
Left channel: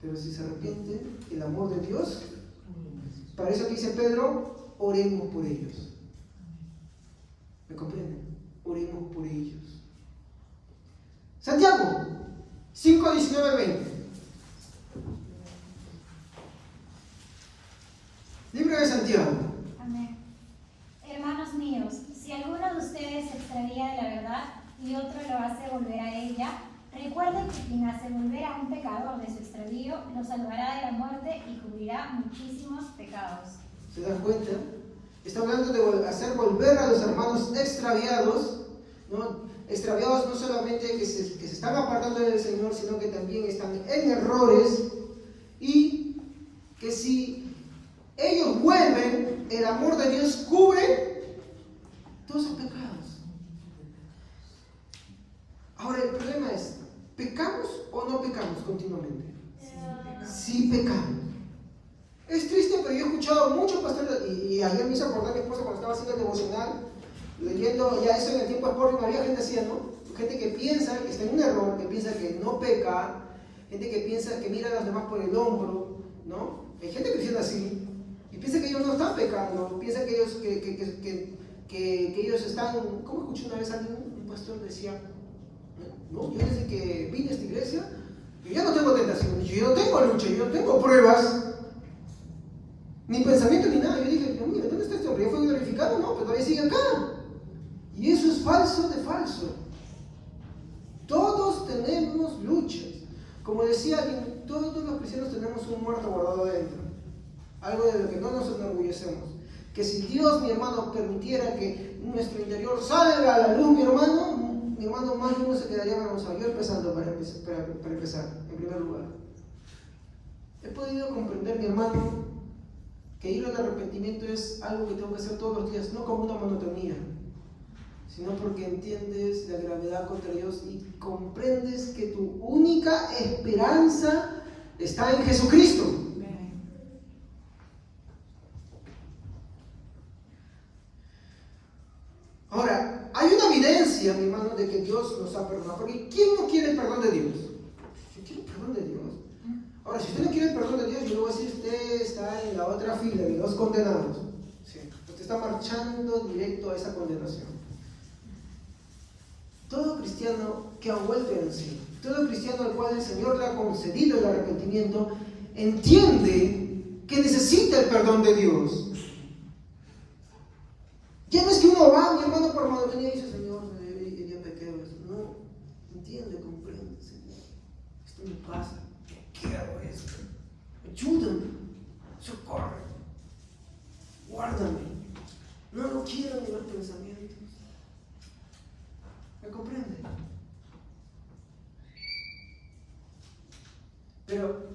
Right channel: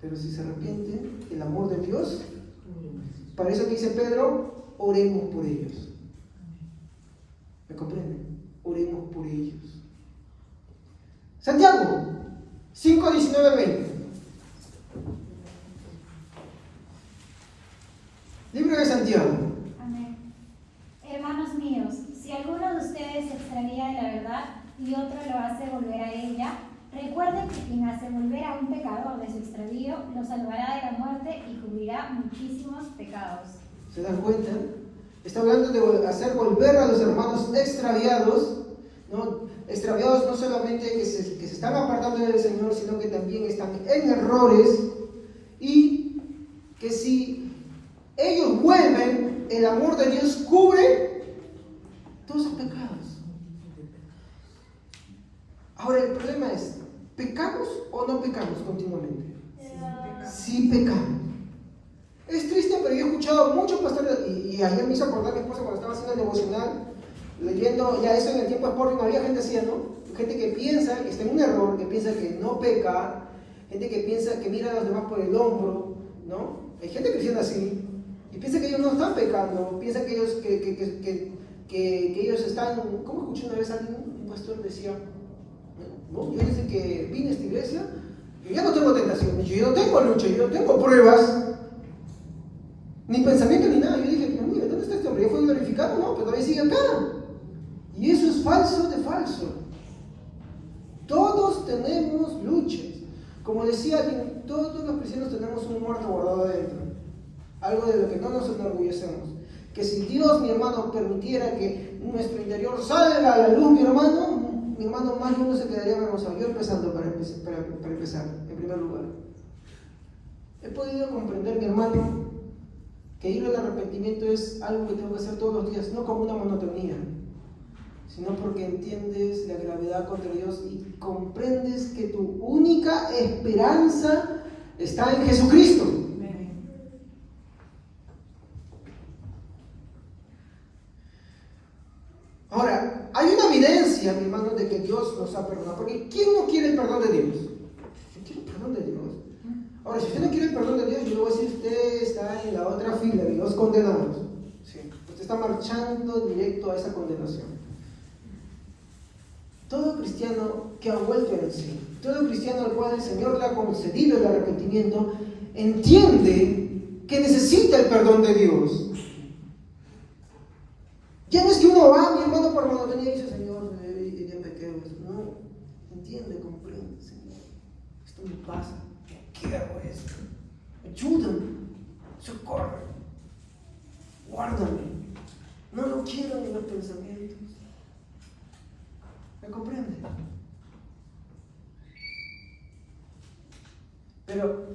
pero si se arrepiente, el amor de Dios, para eso que dice Pedro, oremos por ellos. ¿Me comprenden? Oremos por ellos. Santiago 5, 19, 20. Libro de Santiago. Amén. Hermanos míos, si alguno de ustedes se extravía de la verdad y otro lo hace volver a ella, recuerden que quien hace volver a un pecador de su extravío lo salvará de la muerte y cubrirá muchísimos pecados. ¿Se dan cuenta? Está hablando de hacer volver a los hermanos extraviados, ¿no? Extraviados no solamente que se están apartando del Señor, sino que también están en errores, y que si ellos vuelven, el amor de Dios cubre todos sus pecados. Ahora el problema es, ¿pecamos o no pecamos continuamente? Sí pecamos. Es triste, pero yo he escuchado muchos pastores, y ayer me hizo acordar mi esposa cuando estaba haciendo el devocional, leyendo ya eso en el tiempo de Sporting, había gente así, ¿no? Gente que piensa que está en un error, que piensa que no peca, gente que piensa que mira a los demás por el hombro, ¿no? Hay gente cristiana así, y piensa que ellos no están pecando, piensa que ellos, que ellos están, ¿cómo escuché una vez a alguien, un pastor decía, no, yo desde que vine a esta iglesia, yo ya no tengo tentaciones, yo no tengo lucha, yo no tengo pruebas, ni pensamiento ni nada. Yo dije, Dios mío, ¿dónde está este hombre? ¿Ya fue glorificado? No, pero todavía sigue acá. Y eso es falso de falso. Todos tenemos luchas. Como decía alguien, todos los cristianos tenemos un muerto guardado adentro. Algo de lo que no nos enorgullecemos. Que si Dios, mi hermano, permitiera que nuestro interior salga a la luz, mi hermano más lindo se quedaría hermoso. Yo empezando para empezar, en primer lugar. He podido comprender, mi hermano, que ir al arrepentimiento es algo que tengo que hacer todos los días, no como una monotonía, sino porque entiendes la gravedad contra Dios y comprendes que tu única esperanza está en Jesucristo. Ahora, hay una evidencia, mi hermano, de que Dios nos ha perdonado, porque ¿quién no quiere el perdón de Dios? Yo quiero el perdón de Dios. Ahora, si usted no quiere el perdón de Dios, yo le voy a decir, usted está en la otra fila de los condenados. Sí. Usted está marchando directo a esa condenación. Todo cristiano que ha vuelto en sí, todo cristiano al cual el Señor le ha concedido el arrepentimiento, entiende que necesita el perdón de Dios. Ya no es que uno va, mi hermano, por monotonía y dice, Señor, ya me quedo. No, entiende, comprende, Señor. Esto me pasa. Quiero esto, ayúdame, socorre, guárdame, no lo quiero en los pensamientos. ¿Me comprende? Pero,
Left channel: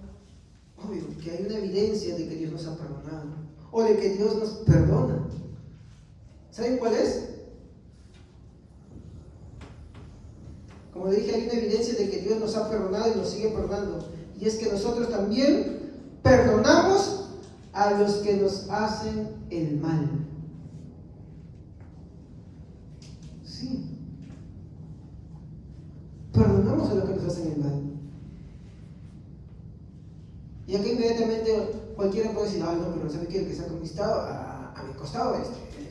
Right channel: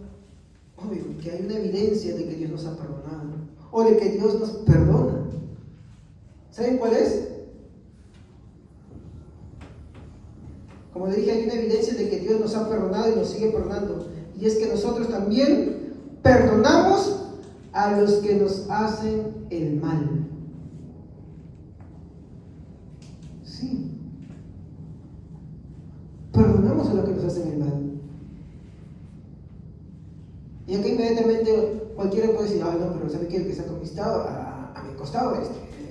obvio, que hay una evidencia de que Dios nos ha perdonado, o de que Dios nos perdona. ¿Saben cuál es? Como le dije, hay una evidencia de que Dios nos ha perdonado y nos sigue perdonando. Y es que nosotros también perdonamos a los que nos hacen el mal. Sí. Perdonamos a los que nos hacen el mal. Y aquí inmediatamente cualquiera puede decir, no, pero ¿sabe qué? El que se ha conquistado a mi costado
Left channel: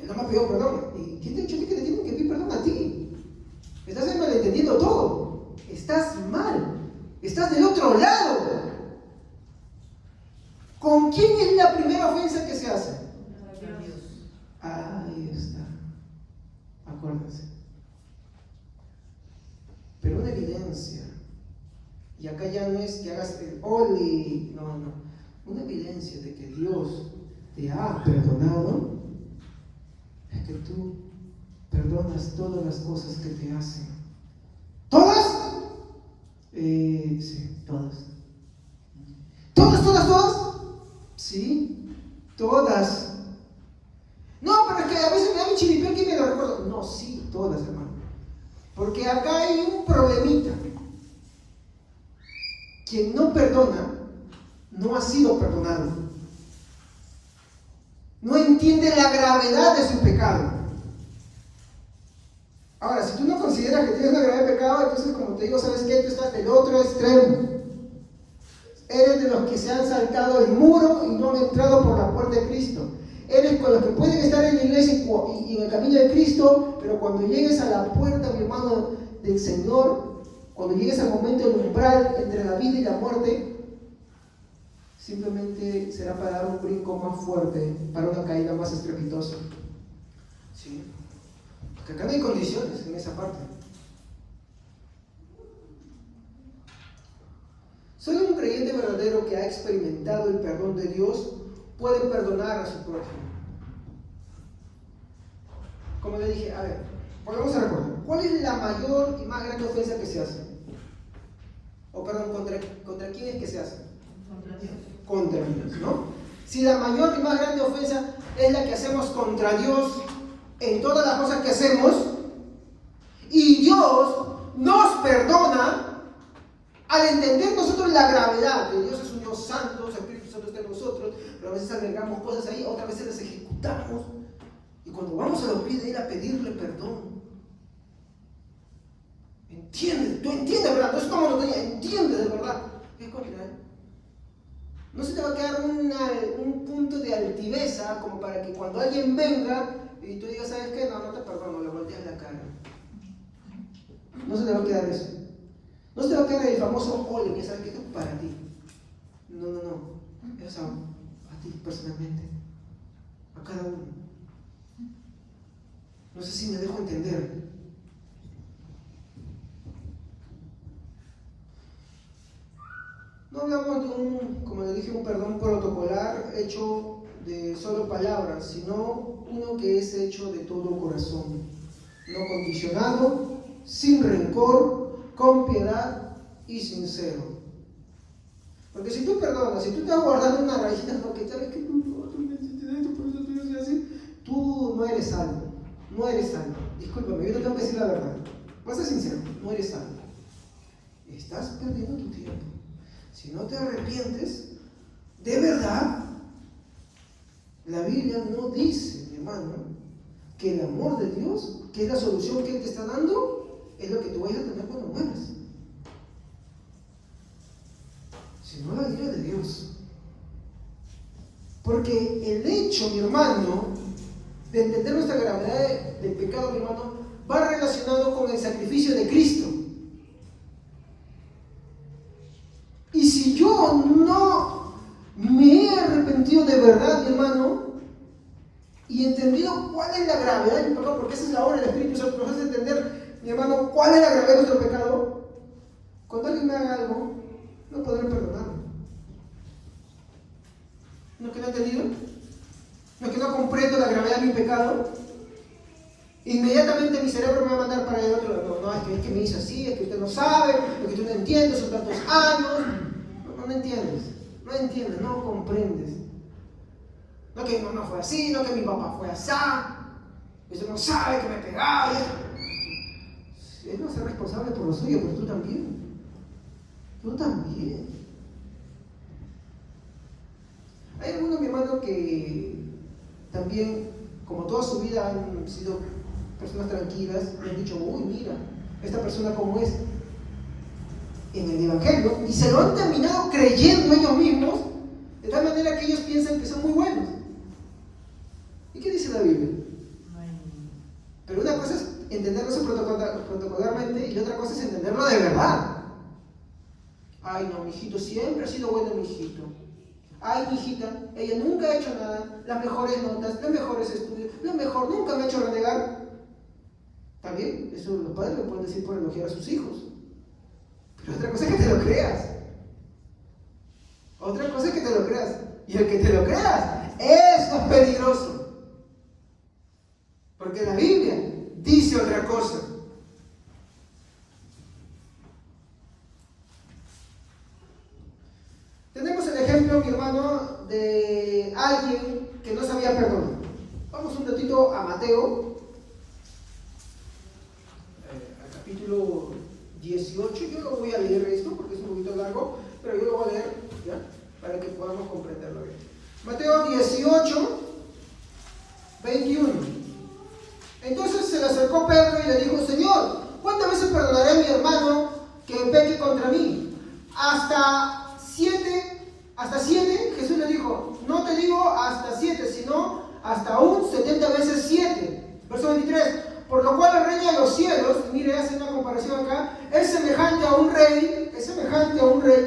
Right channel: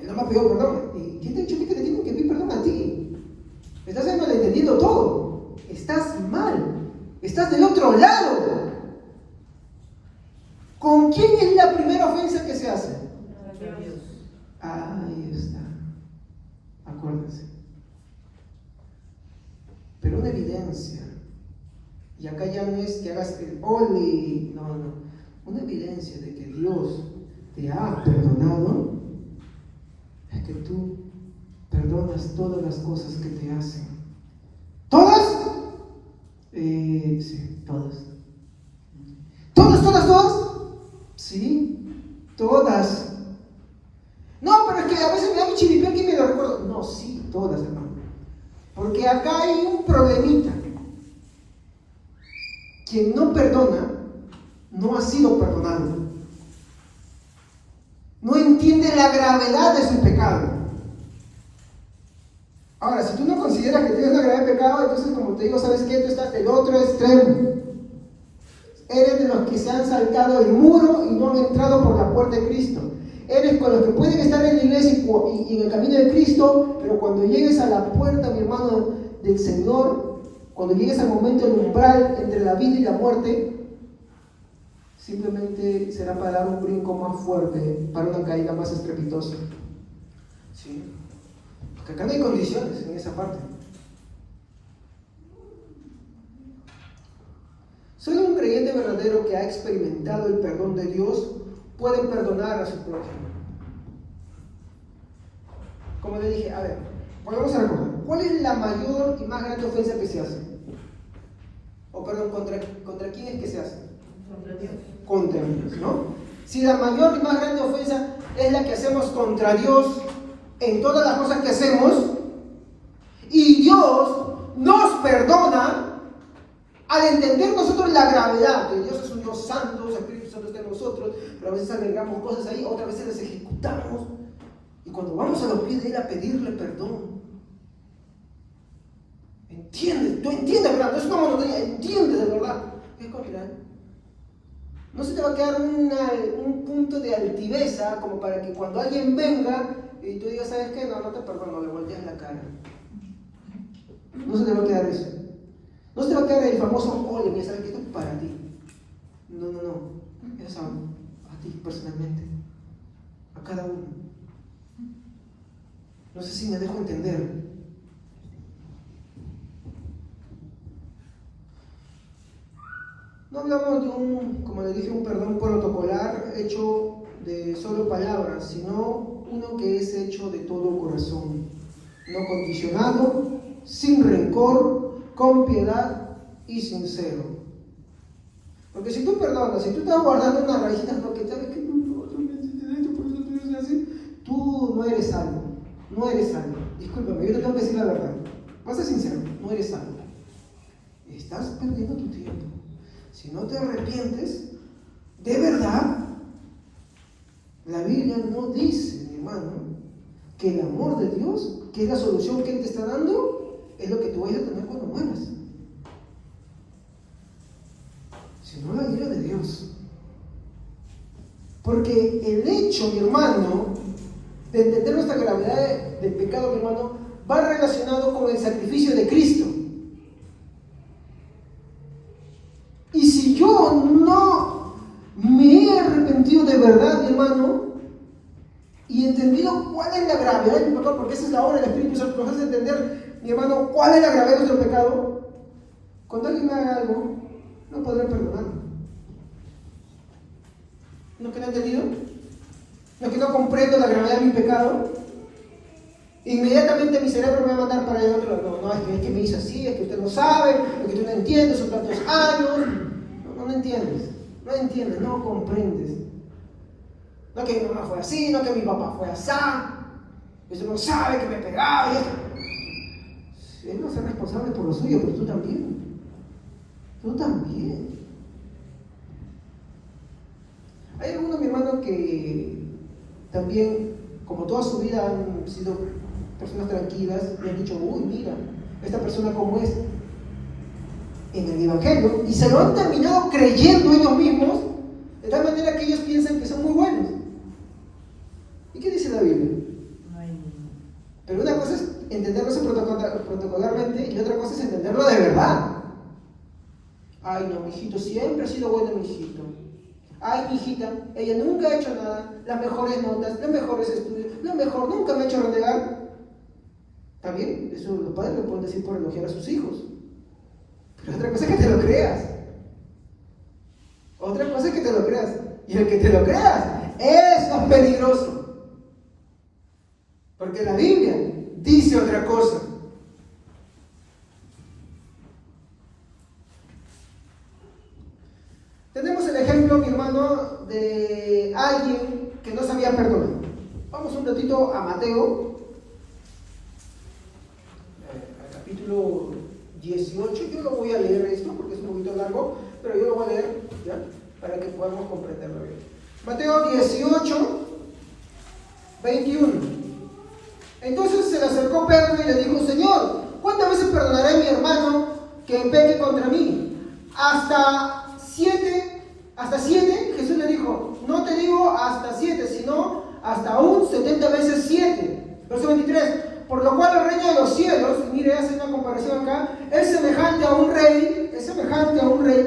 no me ha pedido perdón. ¿Y quién te ha dicho a ti que te tienen que pedir perdón a ti? Estás malentendiendo todo. Estás mal. Estás del otro lado. ¿Con quién es la primera ofensa que se hace? Ahí está. Acuérdense. Pero una evidencia, y acá ya no es que hagas el ole, no. Una evidencia de que Dios te ha perdonado es que tú perdonas todas las cosas que te hacen. ¿Todas? Sí, todas. ¿Todas? Sí, todas. No, pero es que a veces me da mi chiripión y me lo recuerdo. No, sí, todas, hermano. Porque acá hay un problemita. quien no perdona no ha sido perdonado. No entiende la gravedad de su pecado. Ahora, si tú no consideras que tienes una gravedad de pecado, entonces, como te digo, ¿sabes qué? Tú estás del otro extremo. Eres de los que se han saltado el muro y no han entrado por la puerta de Cristo. Eres con los que pueden estar en la iglesia y en el camino de Cristo, pero cuando llegues a la puerta, mi hermano, del Señor, cuando llegues al momento del umbral entre la vida y la muerte, simplemente será para dar un brinco más fuerte, para una caída más estrepitosa. ¿Sí? Porque acá no hay condiciones en esa parte. Solo un creyente verdadero que ha experimentado el perdón de Dios puede perdonar a su prójimo. Como le dije, a ver, volvemos a recordar. ¿Cuál es la mayor y más grande ofensa que se hace? O perdón, ¿contra quién es que se hace? Contra Dios. Contra Dios, ¿no? Si la mayor y más grande ofensa es la que hacemos contra Dios en todas las cosas que hacemos, y Dios nos perdona, al entender nosotros la gravedad de Dios es un Dios santo, el Espíritu Santo está en nosotros, pero a veces agregamos cosas ahí, otras veces las ejecutamos, y cuando vamos a los pies de Él a pedirle perdón, entiendes, tú entiendes, ¿verdad? No es una monotonía, entiendes de verdad, es contra Él. No se te va a quedar un punto de altiveza como para que cuando alguien venga y tú digas, ¿sabes qué? No te perdono, le volteas la cara. No se te va a quedar eso. No se te va a quedar el famoso, oye, mira, ¿sabes qué? Esto es para ti. No. Eso es a ti personalmente. A cada uno. No sé si me dejo entender. No hablamos de como le dije, un perdón protocolar hecho de solo palabras, sino uno que es hecho de todo corazón, no condicionado, sin rencor, con piedad y sincero. Porque si tú perdonas, si tú estás guardando una raíz porque sabes que tú no eres salvo, no eres salvo. Discúlpame, yo te tengo que decir la verdad. Vas a ser sincero, no eres salvo. Estás perdiendo tu tiempo. Si no te arrepientes, de verdad, la Biblia no dice, mi hermano, que el amor de Dios, que es la solución que Él te está dando, es lo que tú vayas a tener cuando mueras. Sino la ira de Dios. Porque el hecho, mi hermano, de entender nuestra gravedad del pecado, mi hermano, va relacionado con el sacrificio de Cristo. Y si yo no me he arrepentido de verdad, mi hermano, y entendido cuál es la gravedad de mi pecado, porque esa es la obra del Espíritu Santo, nos hace entender, mi hermano, cuál es la gravedad de nuestro pecado, cuando alguien me haga algo, no podré perdonarlo. ¿No es que no he entendido? ¿No es que no comprendo la gravedad de mi pecado? Inmediatamente mi cerebro me va a mandar para el otro lado. No, es que me hizo así, es que usted no sabe, es que usted no entiende, son tantos años. No entiendes, no comprendes. No que mi mamá fue así, no que mi papá fue así. Usted no sabe que me pegaba. Él no es responsable por lo suyo, pero tú también. Tú también. Hay algunos, mi hermano, que también, como toda su vida han sido personas tranquilas, y han dicho, uy, mira, esta persona cómo es en el Evangelio, y se lo han terminado creyendo ellos mismos, de tal manera que ellos piensan que son muy buenos. ¿Y qué dice la Biblia? Pero una cosa es entenderlo eso protocolarmente, y otra cosa es entenderlo de verdad. Ay, no, mi hijito siempre ha sido bueno, mi hijito. Ay, mi hijita, ella nunca ha hecho nada, las mejores notas, los mejores estudios, lo mejor, nunca me ha hecho renegar. Está bien, eso los padres lo pueden decir por elogiar a sus hijos. Pero otra cosa es que te lo creas. Otra cosa es que te lo creas. Y el que te lo creas, eso es peligroso. Porque la Biblia dice otra cosa. Tenemos el ejemplo, mi hermano, de alguien que no sabía perdonar. Vamos un ratito a Mateo, al capítulo 18. Yo lo voy a leer esto porque es un poquito largo, pero yo lo voy a leer, ¿ya? Para que podamos comprenderlo bien. Mateo 18, 21. Entonces se le acercó Pedro y le dijo: Señor, ¿cuántas veces perdonaré a mi hermano que peque contra mí? ¿Hasta 7? ¿Hasta 7? Jesús le dijo: no te digo hasta 7, sino hasta aún 70 veces 7. Verso 23. Por lo cual el reino de los cielos, mire, hace una comparación acá, es semejante a un rey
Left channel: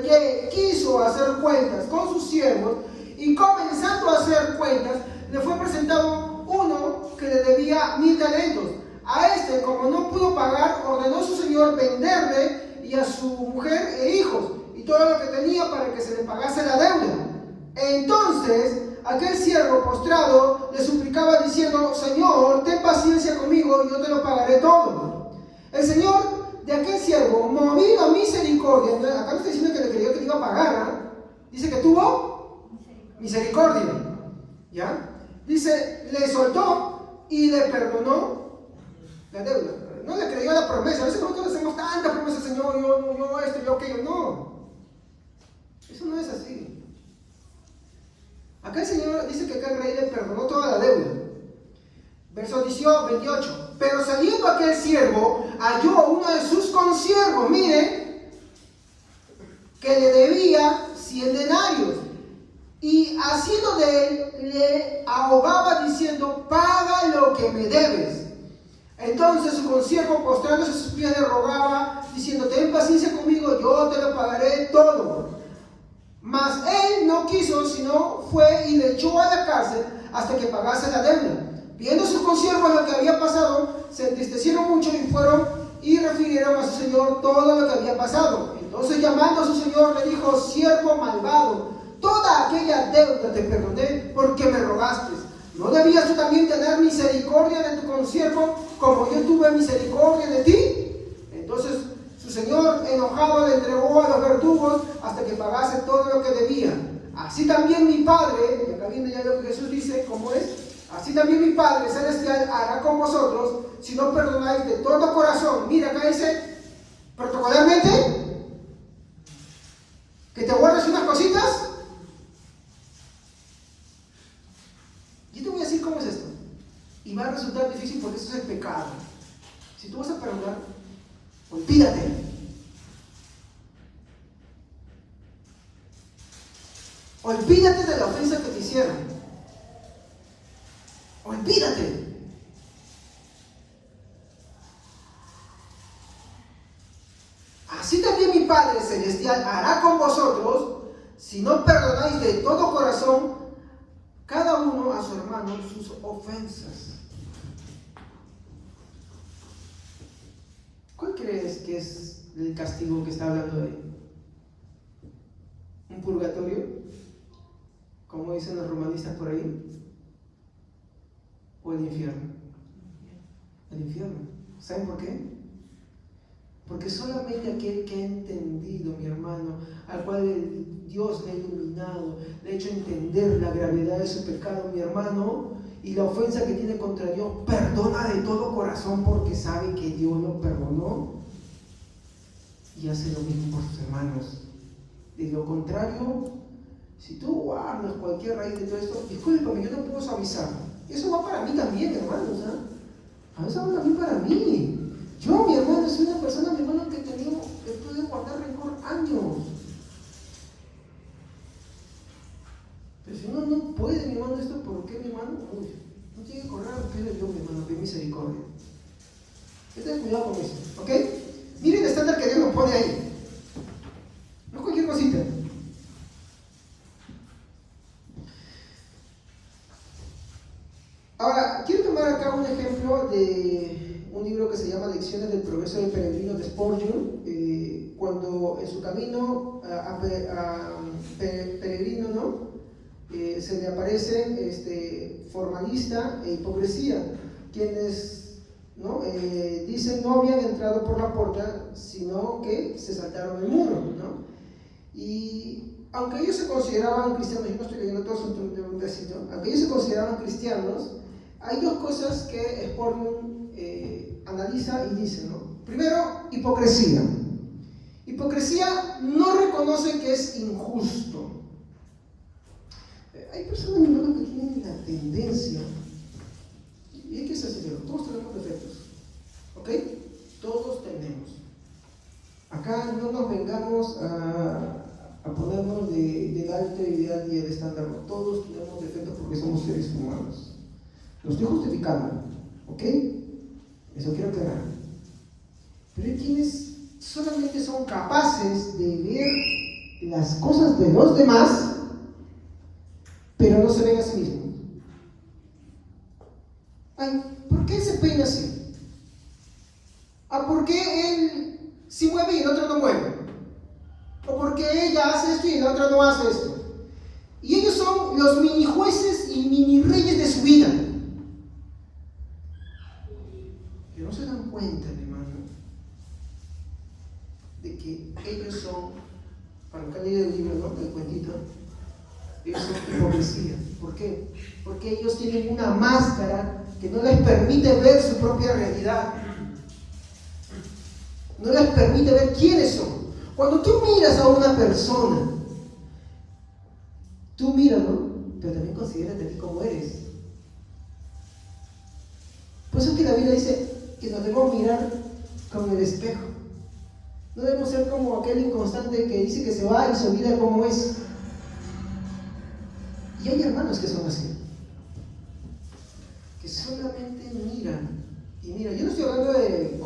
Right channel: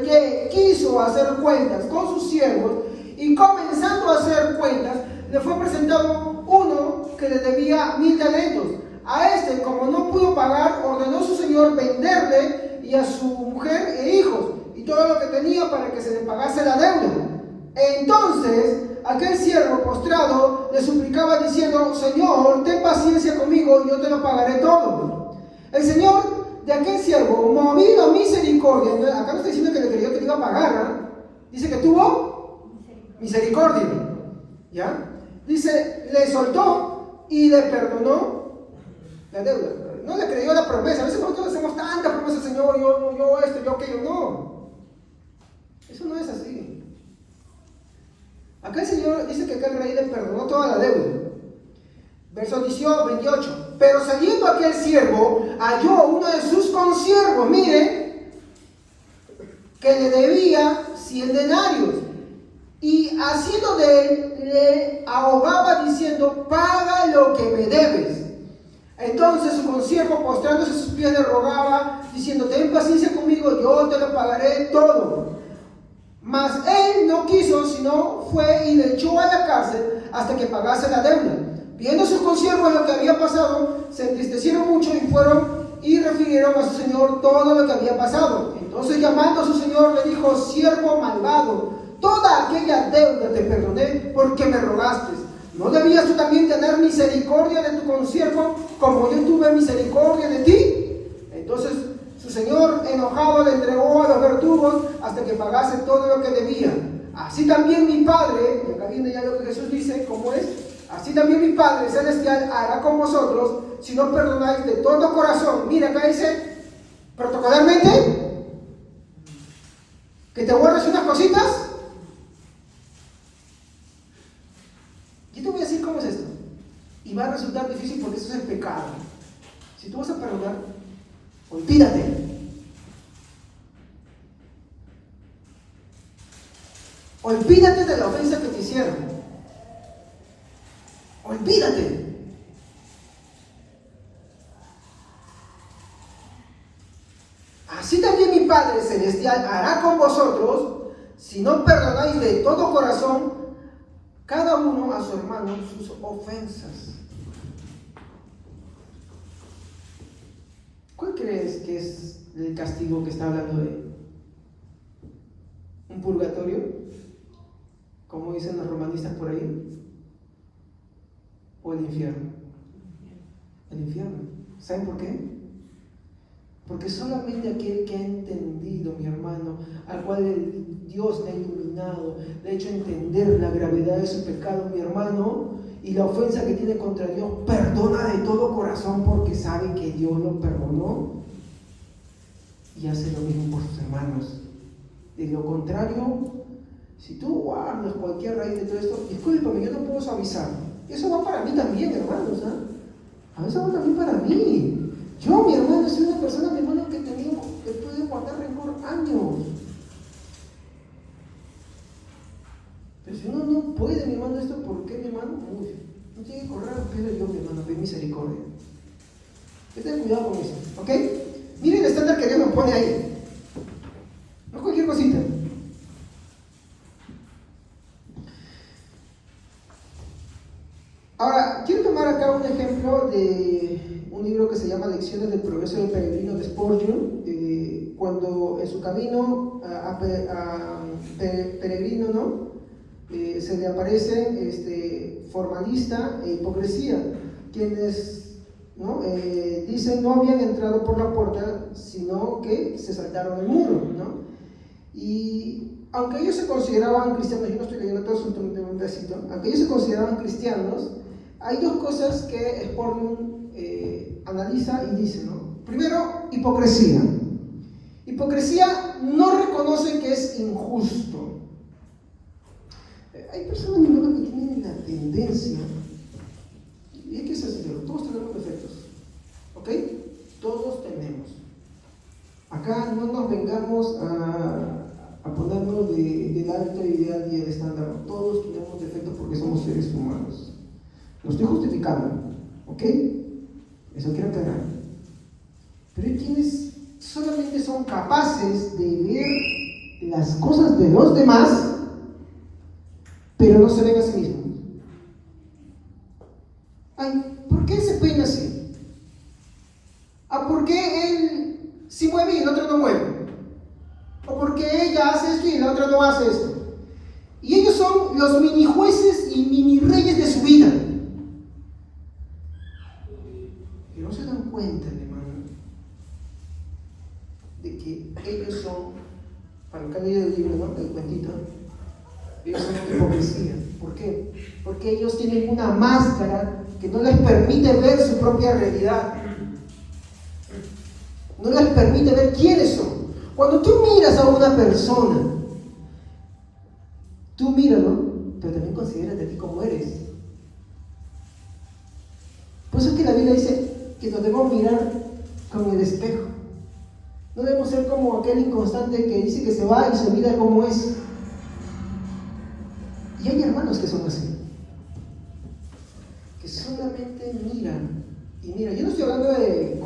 que quiso hacer cuentas con sus siervos, y comenzando a hacer cuentas, le fue presentado uno que le debía 1000 talentos. A este, como no pudo pagar, ordenó su señor venderle y a su mujer e hijos, y todo lo que tenía, para que se le pagase la deuda. Entonces aquel siervo postrado le suplicaba diciendo: Señor, ten paciencia conmigo y yo te lo pagaré todo. El señor de aquel siervo, movido a misericordia, acá no está diciendo que le quería que le iba a pagar, ¿eh? Dice que tuvo misericordia, ¿ya? Dice, le soltó y le perdonó la deuda. No le creyó la promesa. A veces nosotros hacemos tantas promesas: Señor, yo esto, yo aquello. No, eso no es así. Acá el Señor dice que acá el rey le perdonó toda la deuda. Verso 28. Pero saliendo aquel siervo, halló uno de sus consiervos, mire, que le debía 100 denarios. Y haciendo de él, le ahogaba diciendo: paga lo que me debes. Entonces su consiervo, postrándose a sus pies, le rogaba diciendo: ten paciencia conmigo, yo te lo pagaré todo. Mas él no quiso, sino fue y le echó a la cárcel hasta que pagase la deuda. Viendo sus consiervos lo que había pasado, se entristecieron mucho y fueron y refirieron a su señor todo lo que había pasado. Entonces, llamando a su señor, le dijo: siervo malvado, toda aquella deuda te perdoné porque me rogaste. ¿No debías tú también tener misericordia de tu consiervo como yo tuve misericordia de ti? Entonces su señor, enojado, le entregó a los verdugos hasta que pagase todo lo que debía. Así también mi Padre, y acá viene ya lo que Jesús dice, ¿cómo es? Así también mi Padre celestial hará con vosotros si no perdonáis de todo corazón. Mira, acá dice protocolarmente que te guardes unas cositas. Yo te voy a decir cómo es esto. Y va a resultar difícil porque eso es el pecado. Si tú vas a perdonar, olvídate. Olvídate de la ofensa que te hicieron. Olvídate. Así también mi Padre celestial hará con vosotros si no perdonáis de todo corazón cada uno a su hermano sus ofensas. ¿Cuál crees que es el castigo que está hablando de él? ¿Un purgatorio? Como dicen los romanistas por ahí. ¿O el infierno? El infierno. ¿Saben por qué? Porque solamente aquel que ha entendido, mi hermano, al cual Dios le ha iluminado, le ha hecho entender la gravedad de su pecado, mi hermano, y la ofensa que tiene contra Dios, perdona de todo corazón porque sabe que Dios lo perdonó y hace lo mismo por sus hermanos. De lo contrario, si tú guardas cualquier raíz de todo esto, discúlpame, yo no puedo suavizarlo. Eso va para mí también, hermanos, ¿eh? A veces va también para mí. Yo, mi hermano, soy una persona, mi hermano, que he podido guardar rencor años. Pero si uno no puede, mi hermano, esto, ¿por qué, mi hermano? Uy, no tiene que correr a los pies de Dios, mi hermano, pedir misericordia. Ten cuidado con eso, ¿ok? Miren el estándar que Dios nos pone ahí. No cualquier cosita. Ahora, quiero tomar acá un ejemplo de un libro que se llama Lecciones del Progreso del Peregrino de Spurgeon, cuando en su camino a peregrino, ¿no? Se le aparecen formalista e hipocresía, quienes, ¿no? Dicen no habían entrado por la puerta, sino que se saltaron el muro, ¿no? Y aunque ellos se consideraban cristianos, yo no estoy leyendo todo un pedacito, aunque ellos se consideraban cristianos, hay dos cosas que Spurgeon analiza y dice, ¿no? Primero, hipocresía. Hipocresía no reconoce que es injusto. Hay personas que tienen la tendencia, y hay que ser sincero, todos tenemos defectos, ¿ok? Todos tenemos. Acá no nos vengamos a ponernos del alto ideal y el estándar. Todos tenemos defectos porque somos seres humanos. Lo estoy justificando, ¿ok? Eso quiero aclarar. Pero hay quienes solamente son capaces de ver las cosas de los demás, pero no se ven a sí mismos. Ay, ¿por qué se peina así? ¿Por qué él sí mueve y el otro no mueve? ¿O por qué ella hace esto y la otra no hace esto? Y ellos son los mini jueces y mini reyes de su vida. Pero no se dan cuenta, hermano, de que ellos son, para el que ha leído el libro, ¿no? El cuentito, ellos son hipocresía. ¿Por qué? Porque ellos tienen una máscara que no les permite ver su propia realidad. No les permite ver quiénes son. Cuando tú miras a una persona, tú míralo, pero también considérate a ti como eres. Por eso es que la Biblia dice que nos debemos mirar con el espejo. No debemos ser como aquel inconstante que dice que se va y se olvida cómo es. Y hay hermanos que son así, que solamente miran. Y mira, yo no estoy hablando de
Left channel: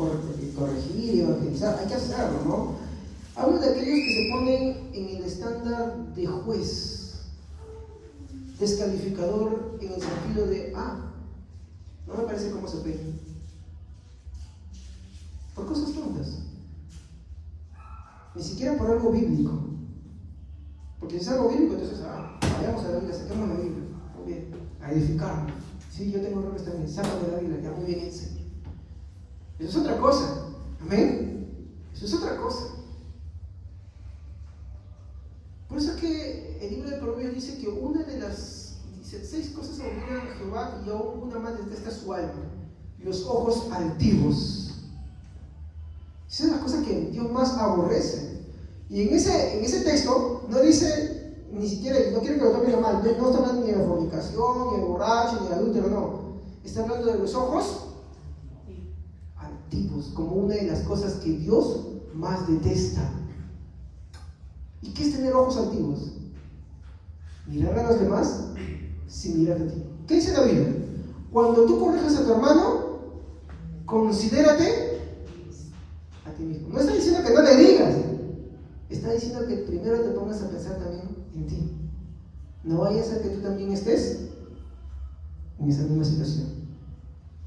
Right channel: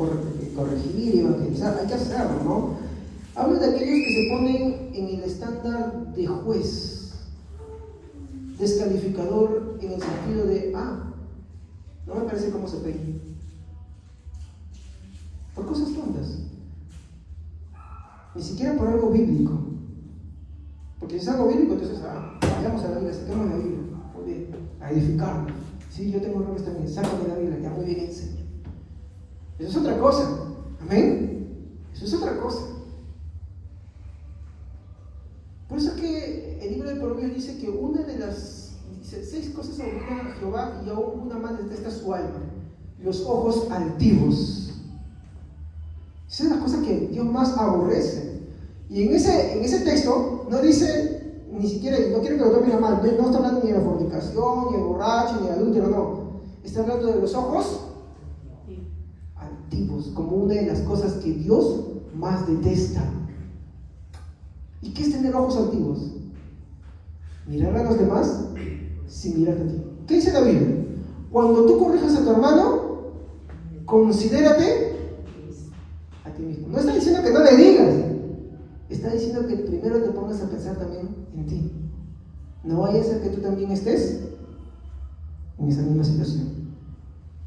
corregir y evangelizar, hay que hacerlo, ¿no? Hablo de aquellos que se ponen en el estándar de juez, descalificador, en el sentido de, no me parece cómo se peina. Por cosas tontas. Ni siquiera por algo bíblico. Porque si es algo bíblico, entonces, vayamos a la Biblia, saquemos la Biblia, muy bien, a edificarnos. Sí, yo tengo errores también, sácame la Biblia, ya muy bien, enseña. Eso es otra cosa, amén. Eso es otra cosa. Por eso es que el libro de Proverbios dice que una de las 6 cosas abominan a Jehová y aún una más detesta su alma: los ojos altivos. Esa es la cosa que Dios más aborrece. Y en ese texto no dice ni siquiera, no quiero que lo tomen a mal, no está hablando ni de la fornicación, ni de borracho, ni de adúltero, no. Está hablando de los ojos altivos, como una de las cosas que Dios más detesta. ¿Y qué es tener ojos altivos? Mirar a los demás sin mirarte a ti. ¿Qué dice la Biblia? Cuando tú corrijas a tu hermano, considérate a ti mismo. No está diciendo que no le digas, está diciendo que primero te pongas a pensar también en ti. No vaya a ser que tú también estés en esa misma situación.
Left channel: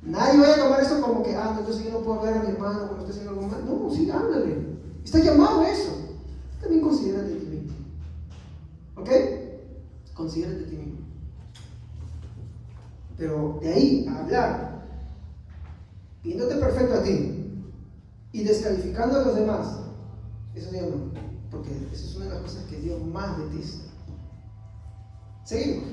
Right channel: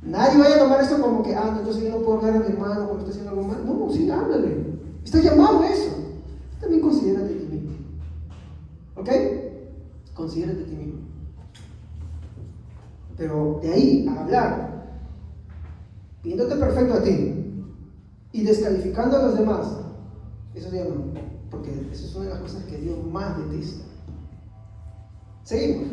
Nadie vaya a tomar esto como que, entonces yo no puedo ver a mi hermano cuando está haciendo algo mal. No, sí, háblale. Está llamado a eso. También considérate a ti mismo. ¿Ok? Considérate a ti mismo. Pero de ahí a hablar, viéndote perfecto a ti y descalificando a los demás, eso ya no. Porque eso es una de las cosas que Dios más detesta. Seguimos.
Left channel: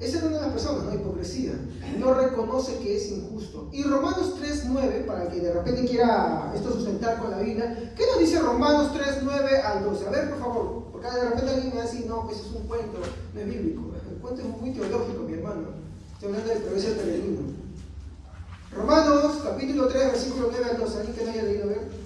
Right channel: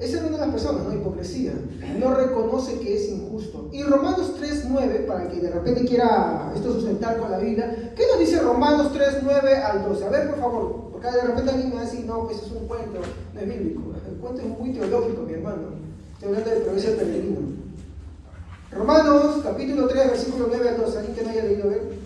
Esa es una de las personas, ¿no? Hipocresía. No reconoce que es injusto. Y Romanos 3:9, para el que de repente quiera esto sustentar con la Biblia, ¿qué nos dice Romanos 3:9 al 12? A ver, por favor, porque de repente alguien me va a decir, no, pues es un cuento, no es bíblico. El cuento es muy teológico, mi hermano. Estoy hablando del progreso peregrino. Romanos, capítulo 3, versículo 9 al 12. ¿Alguien que no haya leído? A ver.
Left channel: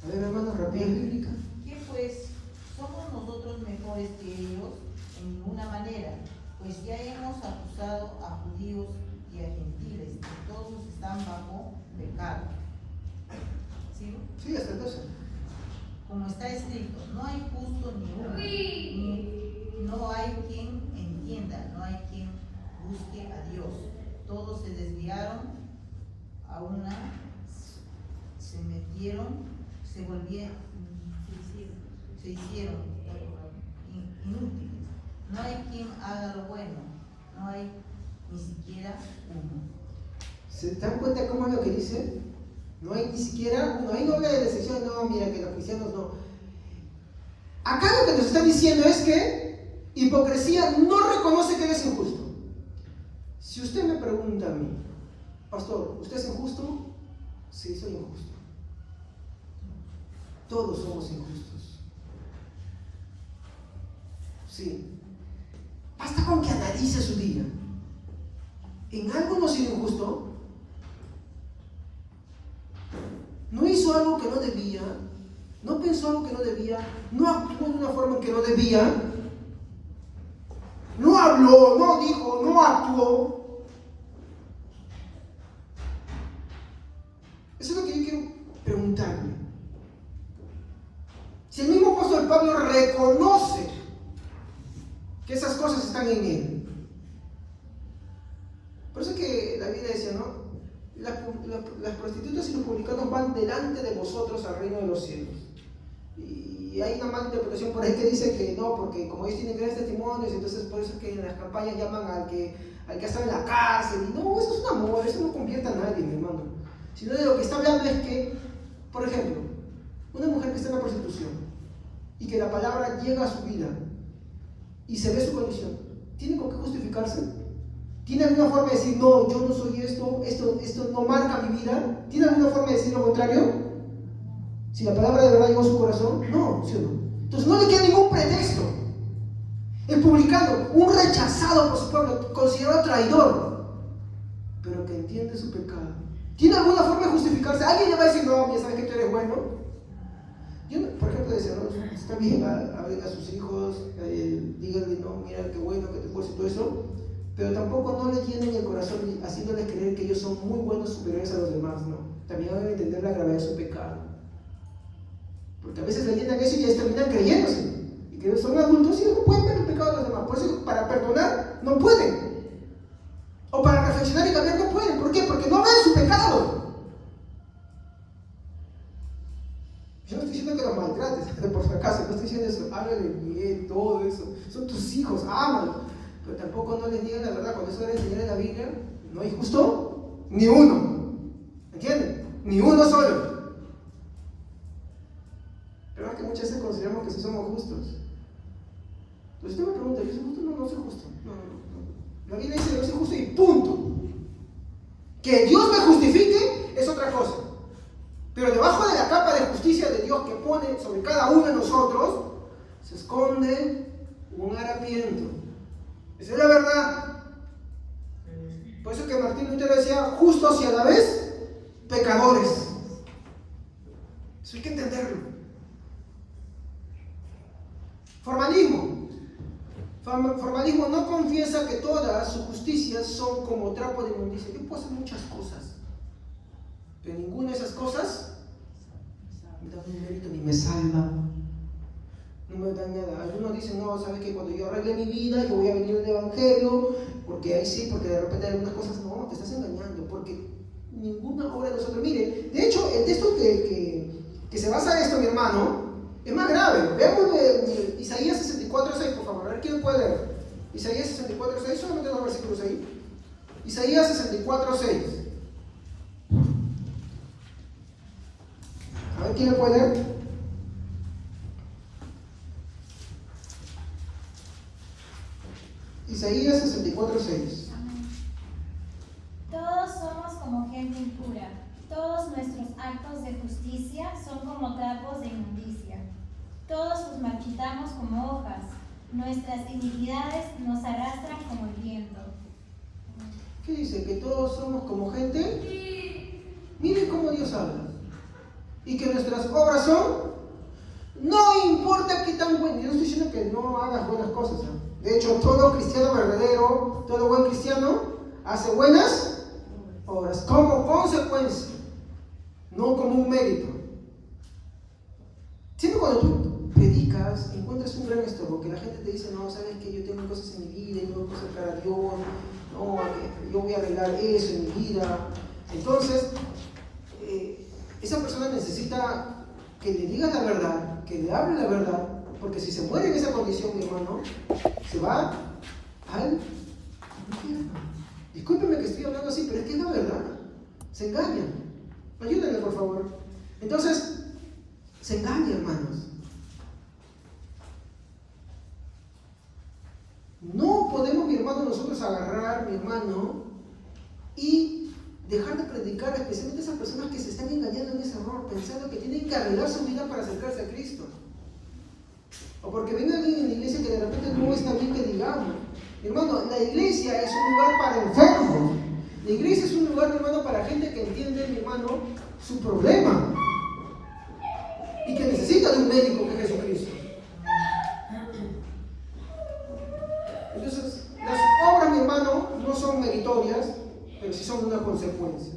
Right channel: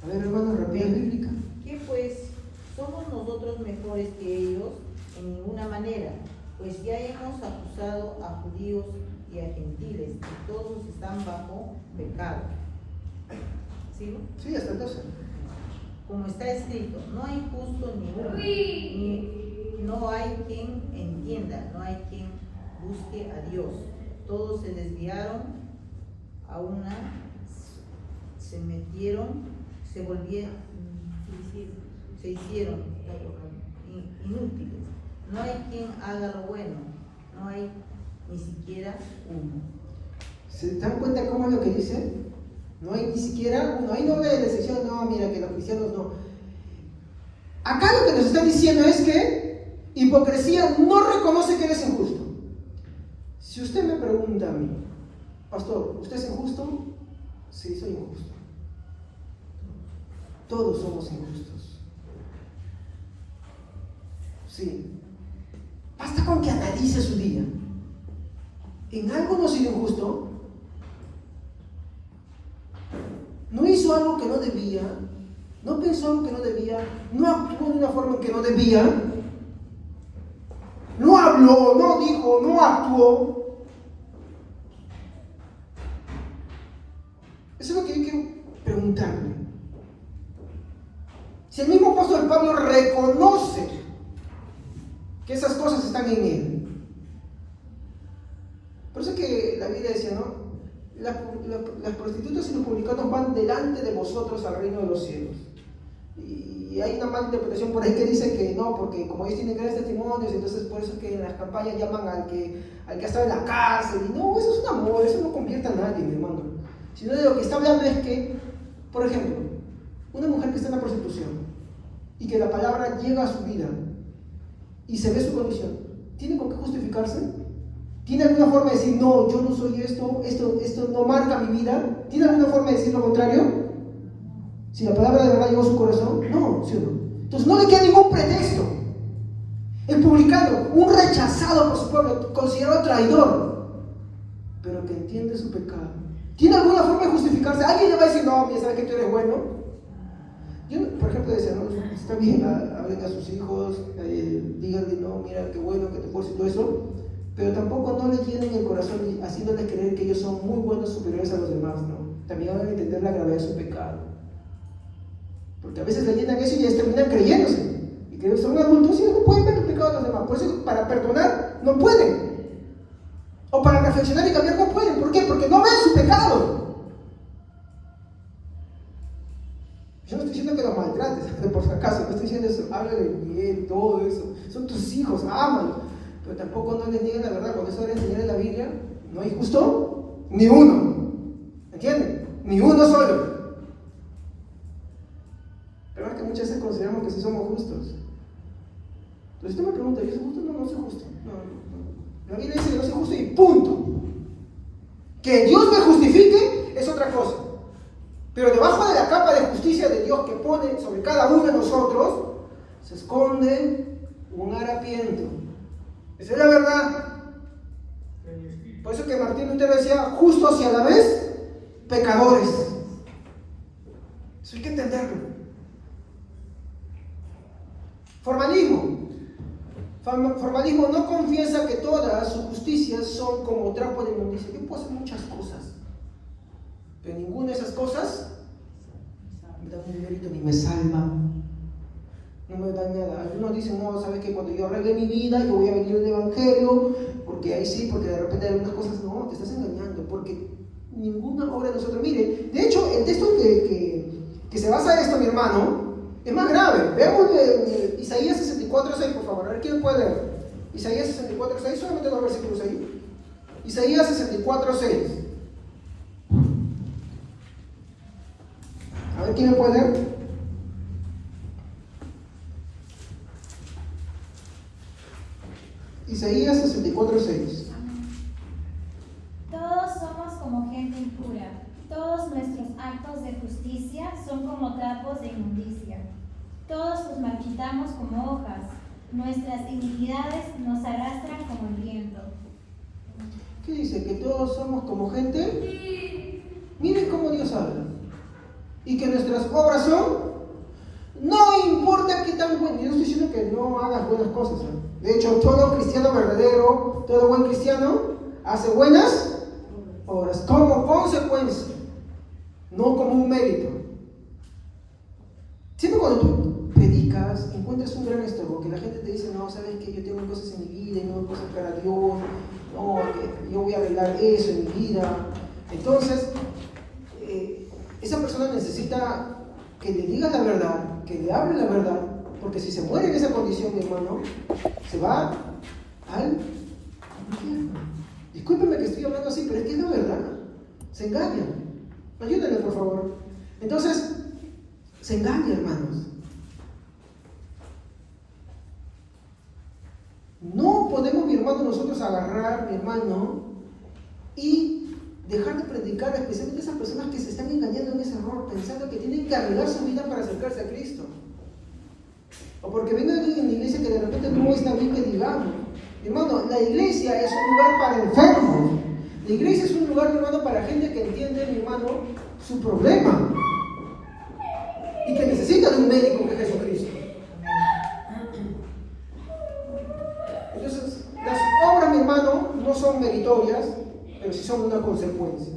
A ver, hermano, rapidez bíblica. ¿Qué pues? ¿Somos nosotros mejores que ellos? En ninguna manera, pues ya hemos acusado a judíos y a gentiles, que todos están bajo pecado. ¿Sigo? Sí, hasta el 12. Como está escrito, no hay justo ni uno, no hay quien entienda, no hay quien busque a Dios. Todos se desviaron, a una se metieron, se volvieron, se hicieron inútiles. No hay quien haga lo bueno, no hay ni siquiera uno. ¿Se dan cuenta cómo es lo que dice? No hay ni siquiera uno. Ahí no habla de decepción, no, mira que los cristianos no. Acá lo que nos está diciendo es que hipocresía no reconoce que eres injusto. Si usted me pregunta a mí, pastor, ¿usted es injusto? Sí, soy injusto. Todos somos injustos. Sí. Basta con que analice su día. ¿En algo no ha sido injusto? ¿No hizo algo que no debía? ¿No pensó algo que no debía? ¿No actuó de una forma en que no debía? ¿No habló? ¿No dijo? ¿No actuó? Eso es lo que yo quiero preguntarme. Si el mismo apóstol Pablo reconoce que esas cosas están en él. Por eso es que la Biblia decía, ¿no? Las prostitutas y los publicanos van delante de vosotros al reino de los cielos. Y hay una mala interpretación por ahí que dice que no, porque como ellos tienen grandes testimonios, entonces por eso es que en las campañas llaman al que ha estado en la cárcel. Y no, eso es un amor, eso no convierte a nadie, mi hermano. Sino de lo que está hablando es que, por ejemplo, una mujer que está en la prostitución y que la palabra llega a su vida y se ve su condición, ¿tiene con qué justificarse? ¿Tiene alguna forma de decir, no, yo no soy esto no marca mi vida? ¿Tiene alguna forma de decir lo contrario? Si la palabra de verdad llegó a su corazón, no, ¿sí o no? Entonces no le queda ningún pretexto. El publicano, un rechazado por su pueblo, considerado traidor, pero que entiende su pecado, ¿tiene alguna forma de justificarse? ¿Alguien le va a decir, no, mira, sabes que tú eres bueno? Yo, por ejemplo, decía, no, está bien, hablen a sus hijos, díganle, no, mira, qué bueno, que te puedo decir todo eso, pero tampoco no le llenen el corazón haciéndoles creer que ellos son muy buenos, superiores a los demás, no. También van a entender la gravedad de su pecado. Porque a veces le llenan eso y ya terminan creyéndose. Y que son adultos y no pueden ver el pecado de los demás. Por eso para perdonar no pueden. O para reflexionar y cambiar no pueden. ¿Por qué? Porque no ven su pecado. Yo no estoy diciendo que los maltrates, por si acaso, no estoy diciendo eso. Háblale bien, todo eso. Son tus hijos, ámalos. Pero tampoco no les digan la verdad. Cuando eso va a enseñar en la Biblia, no hay justo ni uno. ¿Entienden? Ni uno solo. Pero es que muchas veces consideramos que sí somos justos. Entonces usted me pregunta, ¿yo soy justo? No, no soy justo. No. La Biblia dice que no soy justo y punto. Que Dios me justifique es otra cosa. Pero debajo de la capa de justicia de Dios que pone sobre cada uno de nosotros, se esconde un harapiento. Esa es la verdad. Por eso que Martín Lutero decía, justos y a la vez pecadores. Eso hay que entenderlo. Formalismo. Formalismo no confiesa que todas sus justicias son como trapo de inmundicia. Yo puedo hacer muchas cosas, pero ninguna de esas cosas me da un mérito ni me salva. No me da nada. Algunos dicen, no, sabes que cuando yo arregle mi vida, yo voy a venir al Evangelio, porque ahí sí, porque de repente hay algunas cosas, no, te estás engañando, porque ninguna obra de nosotros. Mire, de hecho, el texto que se basa en esto, mi hermano, es más grave. Veamos Isaías 64:6, por favor. A ver, ¿quién puede leer? Isaías 64:6, solamente 2 versículos ahí. Isaías 64:6. A ver, ¿quién me puede leer? Isaías 64:6. Todos somos como gente impura, todos nuestros actos de justicia son como trapos de inmundicia. Todos los marchitamos como hojas, nuestras iniquidades nos arrastran como el viento. ¿Qué dice? ¿Que todos somos como gente? Miren cómo Dios habla. Y que nuestras obras son, no importa qué tan buenas. Yo no estoy diciendo que no hagas buenas cosas, ¿eh? De hecho, todo cristiano verdadero, todo buen cristiano, hace buenas obras como consecuencia, no como un mérito. Siempre cuando tú predicas, encuentras un gran estorbo, que la gente te dice, no, sabes que yo tengo cosas en mi vida y no puedo sacar a Dios, no, yo voy a arreglar eso en mi vida. Entonces, esa persona necesita que le digas la verdad, que le hable la verdad, porque si se muere en esa condición, mi hermano, se va al infierno. Discúlpeme que estoy hablando así, pero es que es la verdad. Se engaña. Ayúdenme, por favor. Entonces, se engaña, hermanos. No podemos, mi hermano, nosotros agarrar, mi hermano, y dejar de predicar, especialmente a esas personas que se están engañando en ese error, pensando que tienen que arreglar su vida para acercarse a Cristo? O porque venga alguien en la iglesia que de repente no está bien que digamos. Mi hermano, la iglesia es un lugar para enfermos. La iglesia es un lugar, mi hermano, para gente que entiende, mi hermano, su problema. Y que necesita de un médico que es Jesucristo. Entonces, las obras, mi hermano, no son meritorias, pero sí son una consecuencia.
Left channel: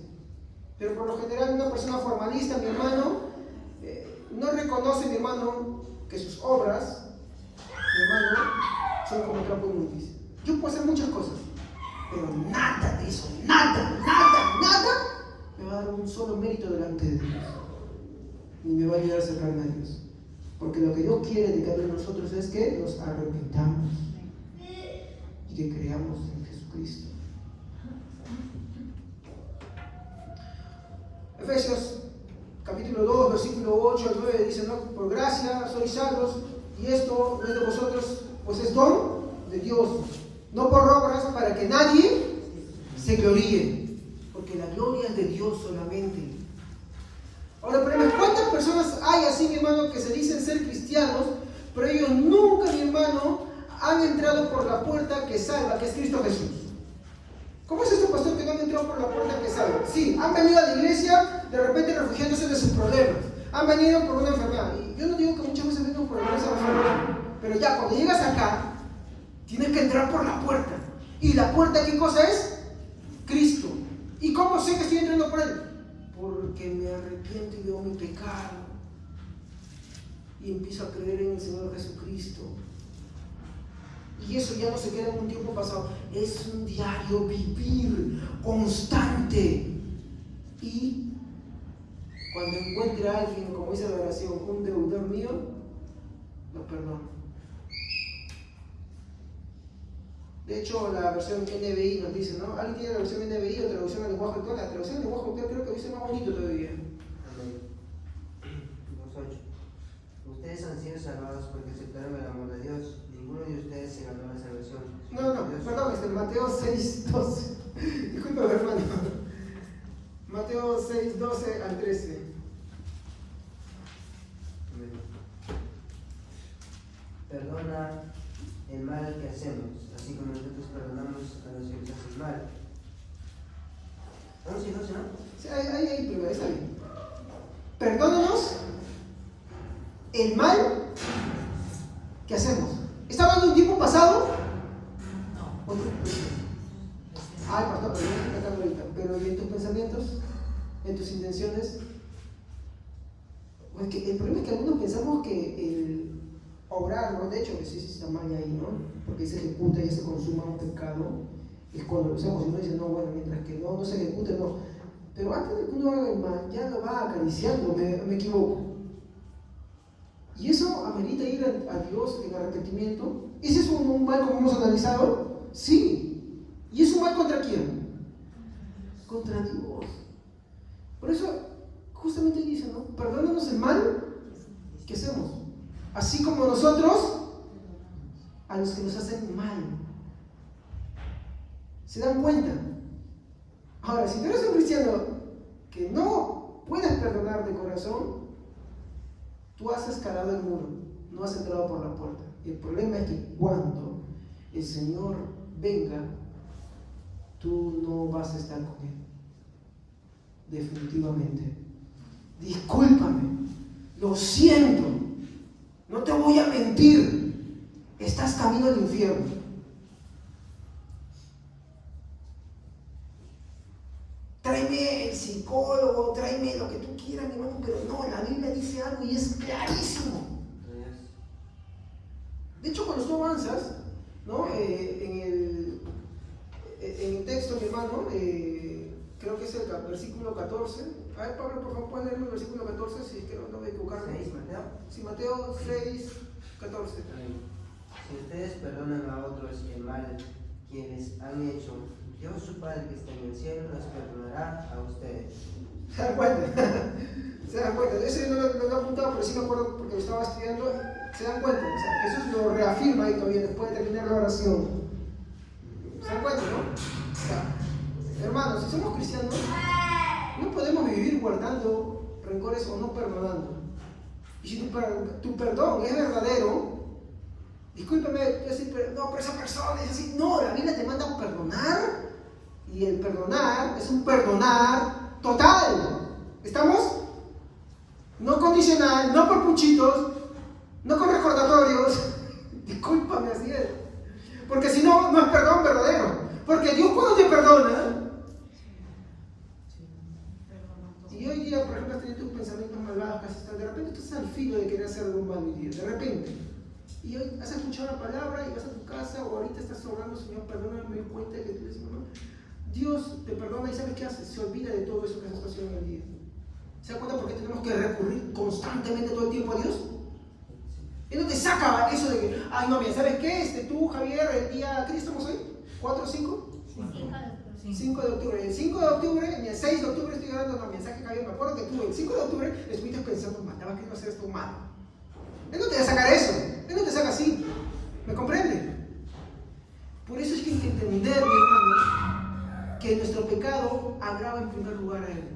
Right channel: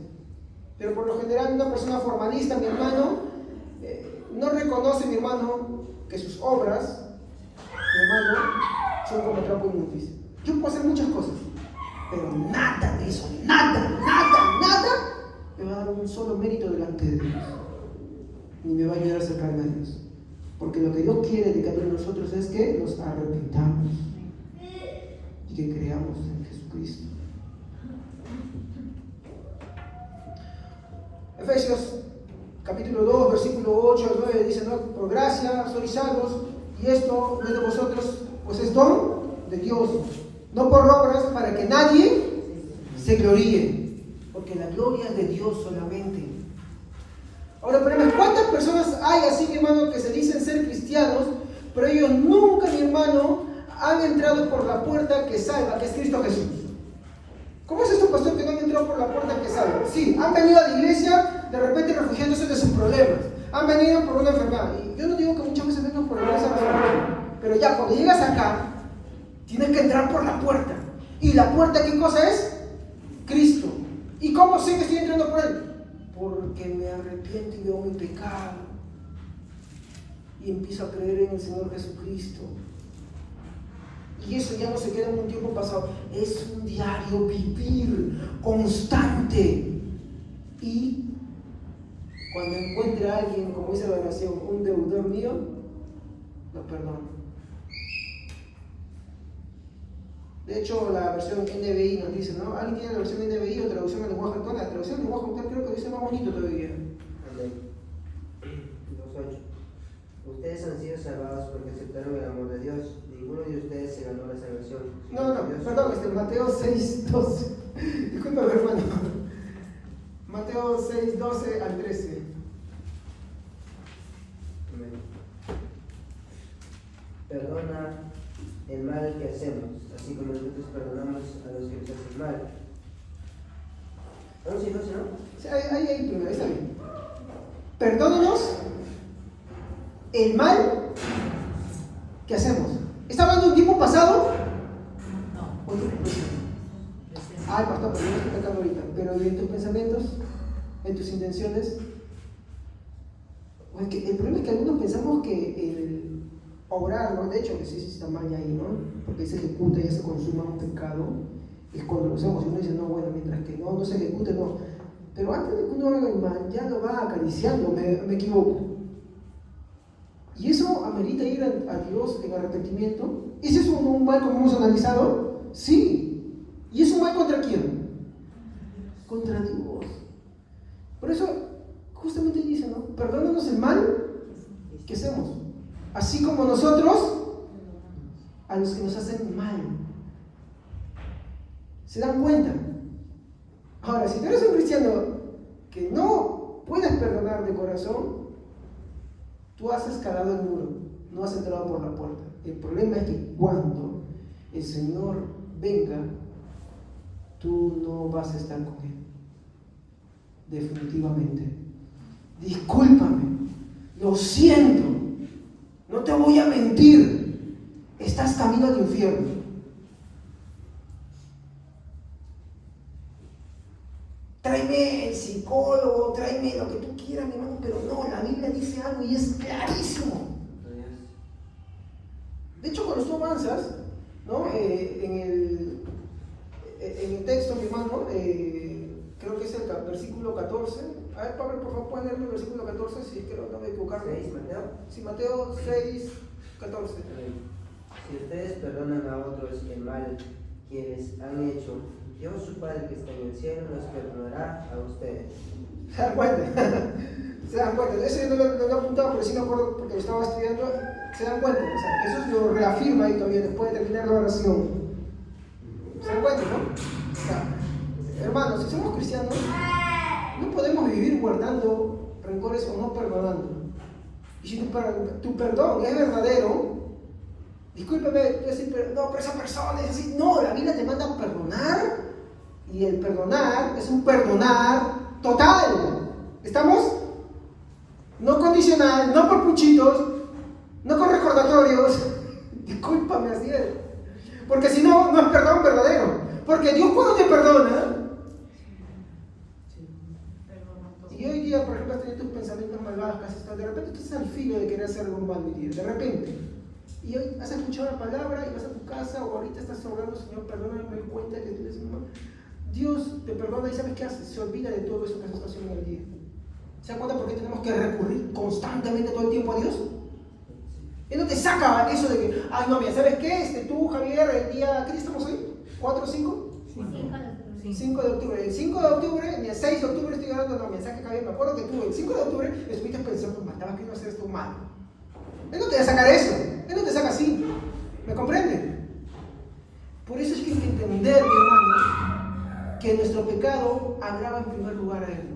Pero por lo general, una persona formalista, mi hermano, no reconoce, mi hermano, que sus obras, mi hermano, son como trapo inmundicia. Yo puedo hacer muchas cosas, pero nada de eso, nada, me va a dar un solo mérito delante de Dios. Ni me va a ayudar a acercarme a Dios. Porque lo que Dios quiere de cada uno de nosotros es que nos arrepintamos y que creamos en Jesucristo. Efesios capítulo 2, versículo 8 al 9 dice, ¿no? Por gracia sois salvos, y esto no es de vosotros, pues es don de Dios, no por obras, para que nadie se gloríe, porque la gloria es de Dios solamente. Ahora, el problema es, ¿cuántas personas hay así, mi hermano, que se dicen ser cristianos, pero ellos nunca, mi hermano, han entrado por la puerta que salva, que es Cristo Jesús? ¿Cómo es esto, pastor, que no han entrado por la puerta que salva? Sí, han venido a la iglesia de repente refugiándose de sus problemas, han venido por una enfermedad, y yo no digo que muchas veces vengan por esa razón, pero ya cuando llegas acá, tienes que entrar por la puerta. ¿Y la puerta qué cosa es? Cristo. ¿Y cómo sé que estoy entrando por él? Porque me arrepiento y veo mi pecado y empiezo a creer en el Señor Jesucristo. Y eso ya no se queda en un tiempo pasado, es un diario vivir constante. Y cuando encuentre a alguien, como dice la oración, un deudor mío, lo perdono. De hecho, la versión NBI nos dice, ¿no? ¿Alguien tiene la versión NBI o traducción al lenguaje actual? La traducción al lenguaje actual creo que dice más bonito todavía. Amén. 2.8. Ustedes han sido salvados porque aceptaron el amor de Dios. Ninguno de ustedes se ganó la salvación. No, perdón, Mateo 6:12. Disculpa, hermano. Mateo 6:12 al 13. Amén. Perdona el mal que hacemos, así como nosotros perdonamos a los que nos hacen mal. 11, 12, ¿no? Sí, ahí primero, ahí está bien. Perdónanos el mal que hacemos. ¿Está hablando de un tiempo pasado? No. ¿O tiempo presente? Ay, pastor, pero no estoy pecando ahorita. Pero ¿y en tus pensamientos? ¿En tus intenciones? Pues que el problema es que algunos pensamos que el obrar, ¿no? De hecho, que sí está mal ahí, ¿no? Porque se ejecuta y ya se consuma un pecado. Es cuando lo hacemos, uno dice, no, bueno, mientras que no se ejecute, no. Pero antes de que uno haga el mal, ya lo va acariciando, me equivoco. Y eso amerita ir a Dios en arrepentimiento. ¿Es eso un mal como hemos analizado? Sí. ¿Y es un mal contra quién? Contra Dios. Por eso, justamente dice, ¿no? Perdónanos el mal que hacemos. Así como nosotros a los que nos hacen mal. ¿Se dan cuenta? Ahora, si tú eres un cristiano que no puedes perdonar de corazón, tú has escalado el muro, no has entrado por la puerta. El problema es que cuando el Señor venga, tú no vas a estar con Él. Definitivamente. Discúlpame, lo siento, no te voy a mentir, estás camino al infierno. Tráeme el psicólogo, tráeme lo que tú quieras, mi hermano, pero no, la Biblia dice algo y es clarísimo. De hecho, cuando tú avanzas, ¿no? En el texto, mi hermano, creo que es el versículo 14. A ver, Pablo, por favor, puedes leerme el versículo 14, si es que no me voy a equivocarme. ¿6, Mateo? Sí, Mateo 6, 14. Si ustedes perdonan a otros el mal que les han hecho, Dios su Padre que está en el cielo los perdonará a ustedes. ¿Se dan cuenta? ¿Se dan cuenta? Eso yo no lo he apuntado, pero sí me acuerdo porque lo estaba estudiando. ¿Se dan cuenta? O sea, Jesús lo reafirma ahí todavía después de terminar la oración. ¿Se ¿Se dan cuenta, no? O sea, hermanos, si somos cristianos, no podemos vivir guardando rencores o no perdonando. Y si tu perdón es verdadero, discúlpeme, no, pero esa persona es así. No, la Biblia te manda a perdonar, y el perdonar es un perdonar total. ¿Estamos? No condicional, no por puchitos, no con recordatorios. Discúlpame, así es. Porque si no, no es perdón verdadero. Porque Dios cuando te perdona, y hoy día, por ejemplo, has tenido tus pensamientos malvados, de repente tú estás al filo de querer hacer algo malo hoy día, de repente. Y hoy has escuchado la palabra y vas a tu casa, o ahorita estás orando, Señor, perdóname, me doy cuenta que tú eres mamá. Dios te perdona y ¿sabes qué hace? Se olvida de todo eso que estás haciendo en el día. ¿Se da cuenta por qué tenemos que recurrir constantemente todo el tiempo a Dios? Él no te saca eso de que, ay no, mira, ¿sabes qué? Tú, Javier, el día, ¿qué día estamos hoy? ¿4 o 5? 5 de octubre. El 5 de octubre, ni el 6 de octubre estoy orando, no, mira, ¿sabes qué, Javier? Me acuerdo que tú el 5 de octubre estuviste pensando, estabas queriendo hacer esto malo. Él no te va a sacar eso, Él no te saca así. ¿Me comprende? Por eso es que hay que entender, mi hermano, que nuestro pecado agrava en primer lugar a Él.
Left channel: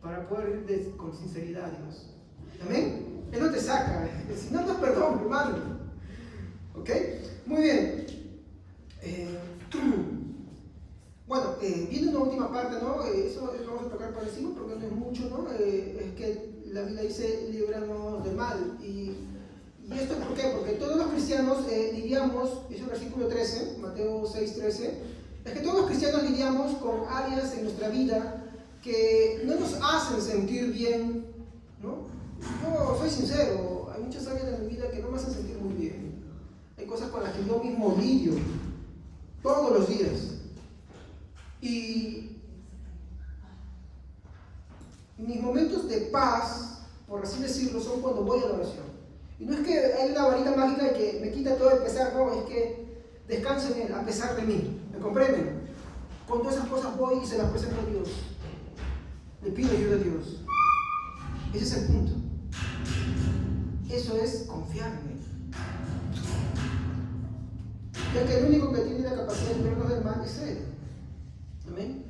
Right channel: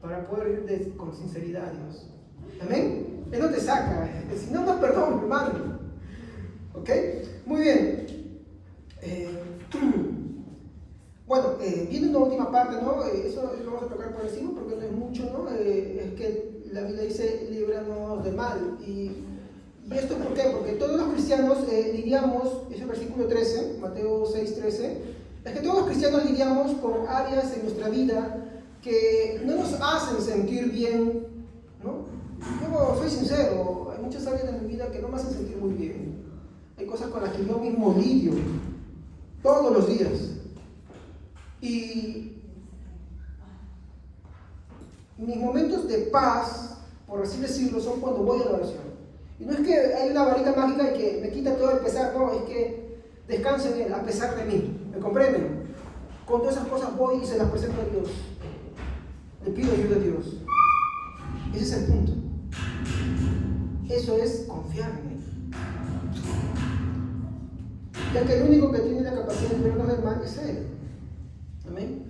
Para poder ir con sinceridad a Dios. ¿Amén? Él no te saca, si no, no perdón, hermano. ¿Ok? Muy bien. Bueno, viene una última parte, ¿no? Eso lo vamos a tocar por encima porque no es mucho, ¿no? Es que la Biblia dice, líbranos del mal. ¿Y esto por qué? Porque todos los cristianos lidiamos, es el versículo 13, Mateo 6, 13, es que todos los cristianos lidiamos con áreas en nuestra vida que no nos hacen sentir bien, ¿no? Yo soy sincero, hay muchas áreas de mi vida que no me hacen sentir muy bien. Hay cosas con las que yo mismo lidio todos los días. Y mis momentos de paz, por así decirlo, son cuando voy a la oración. Y no es que hay una varita mágica y que me quita todo el pesar, no, es que descanse en Él, a pesar de mí. ¿Me comprenden? Con todas esas cosas voy y se las presento a Dios. Le pido ayuda a Dios. Ese es el punto. Eso es confiar en Él. Ya que el único que tiene la capacidad de librarnos del mal es Él. Amén.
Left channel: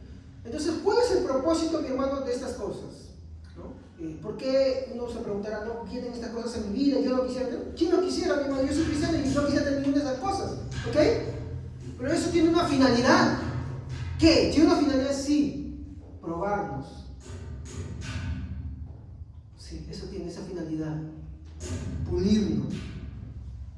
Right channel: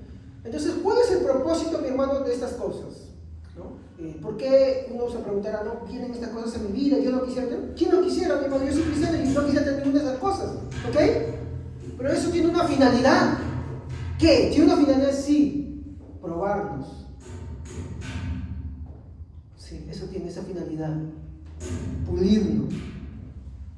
Entonces, ¿cuál es el propósito, mi hermano, de estas cosas? ¿No? ¿Por qué uno se preguntará, no vienen estas cosas en mi vida? Yo no quisiera tener. ¿Quién no quisiera, mi hermano? Yo soy cristiano y no quisiera tener ninguna de esas cosas. ¿Ok? Pero eso tiene una finalidad. ¿Qué? Tiene una finalidad, sí. Probarnos. Sí, eso tiene esa finalidad. Pulirnos.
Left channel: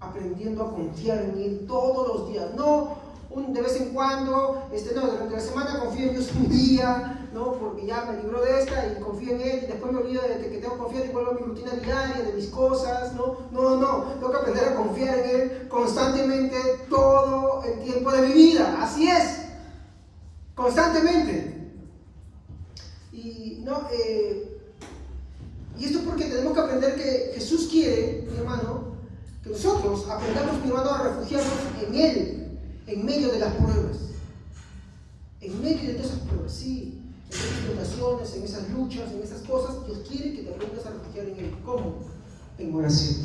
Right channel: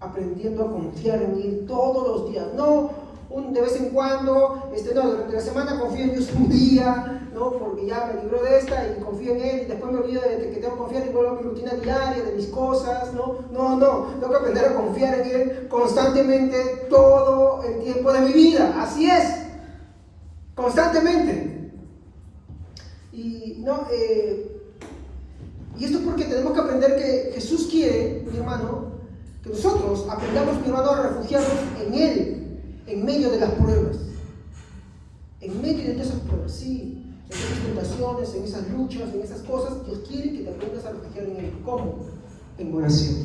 Aprendiendo a confiar en Él todos los días. No de vez en cuando, no, durante la semana confío en Dios un día, ¿no? Porque ya me libró de esta y confío en Él, y después me olvido de que tengo que confiar y vuelvo a mi rutina diaria, de mis cosas, ¿no? No, tengo que aprender a confiar en Él constantemente todo el tiempo de mi vida, así es, constantemente. Y esto es porque tenemos que aprender que Jesús quiere, mi hermano, que nosotros aprendamos, mi hermano, a refugiarnos en Él, en medio de las pruebas. En medio de todas esas pruebas, sí. En esas tentaciones, en esas luchas, en esas cosas, Dios quiere que te aprendas a refugiar en Él. ¿Cómo? En oración.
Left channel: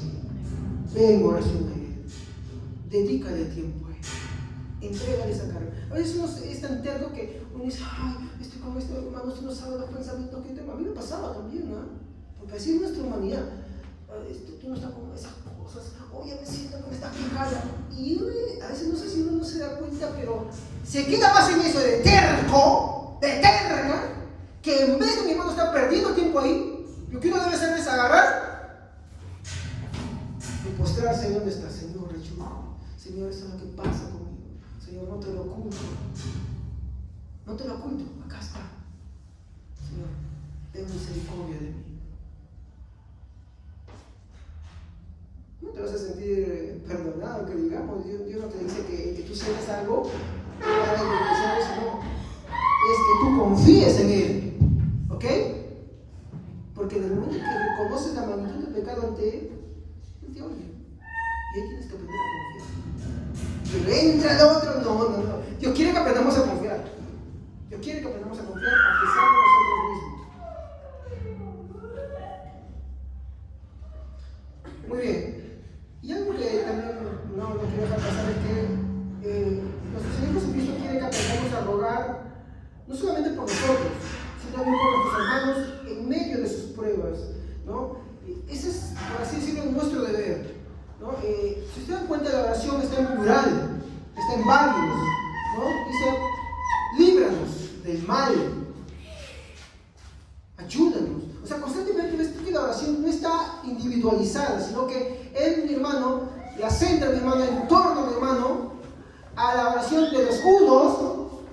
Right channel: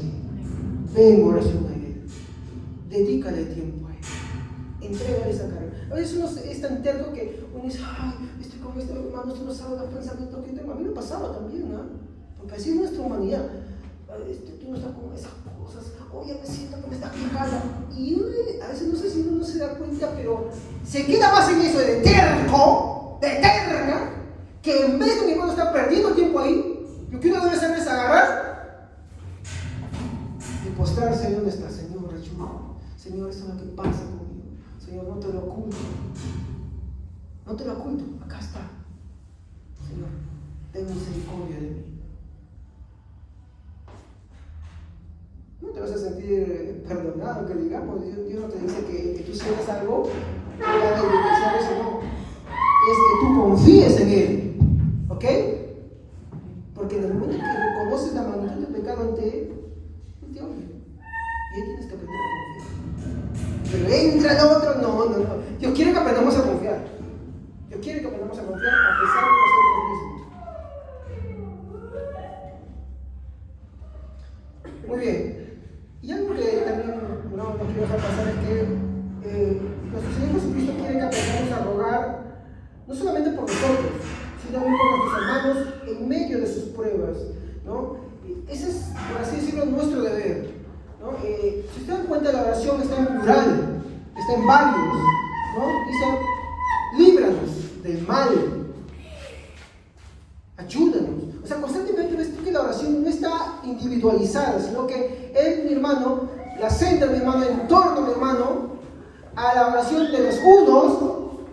Ve en oración a Él. Dedícale tiempo a Él. Entrégale esa carga. A veces uno es tan terco que uno dice, ay, estoy con este hermano, tú no sabes los pensamientos que tengo. A mí me pasaba también, ¿no? Porque así es nuestra humanidad. Tú no estás con esas cosas, oye, me siento que me estás quejando. Y uno, a veces no sé si uno no se da cuenta, pero se queda más en eso de terco, de terca, que en vez de mi hermano estar perdiendo tiempo ahí, lo que uno debe hacer es agarrar y postrarse donde está. Señor, ayúdame. Señor, esto es lo que pasa conmigo. Señor, no te lo oculto. No te lo oculto, acá está. Señor, ten misericordia de mí. No te vas a sentir perdonado, que digamos, Dios no te dice que tú sientas algo, no va a beneficiar eso, no. Es que tú confíes en Él, ¿ok? Porque en el momento que reconoces la magnitud del pecado ante Él, Él te oye. Y ahí tienes que aprender a confiar. Pero entra el otro, no. Dios quiere que aprendamos a confiar. Dios quiere que aprendamos a confiar a pesar de nosotros mismos. Muy bien. Y algo que también no quiero dejar pasar es que nuestro Señor Jesucristo quiere que aprendamos a rogar no solamente por nosotros, sino también por nuestros hermanos en medio de sus pruebas, ¿no? Ese es, por así decirlo, nuestro deber, ¿no? Si se dan cuenta, la oración está en plural, está en varios, ¿no? Dice, líbranos del mal, ayúdanos. O sea, constantemente ves tú que la oración no está individualizada, sino que él, mi hermano, la centra, mi hermano, en torno, mi hermano, a la oración de los unos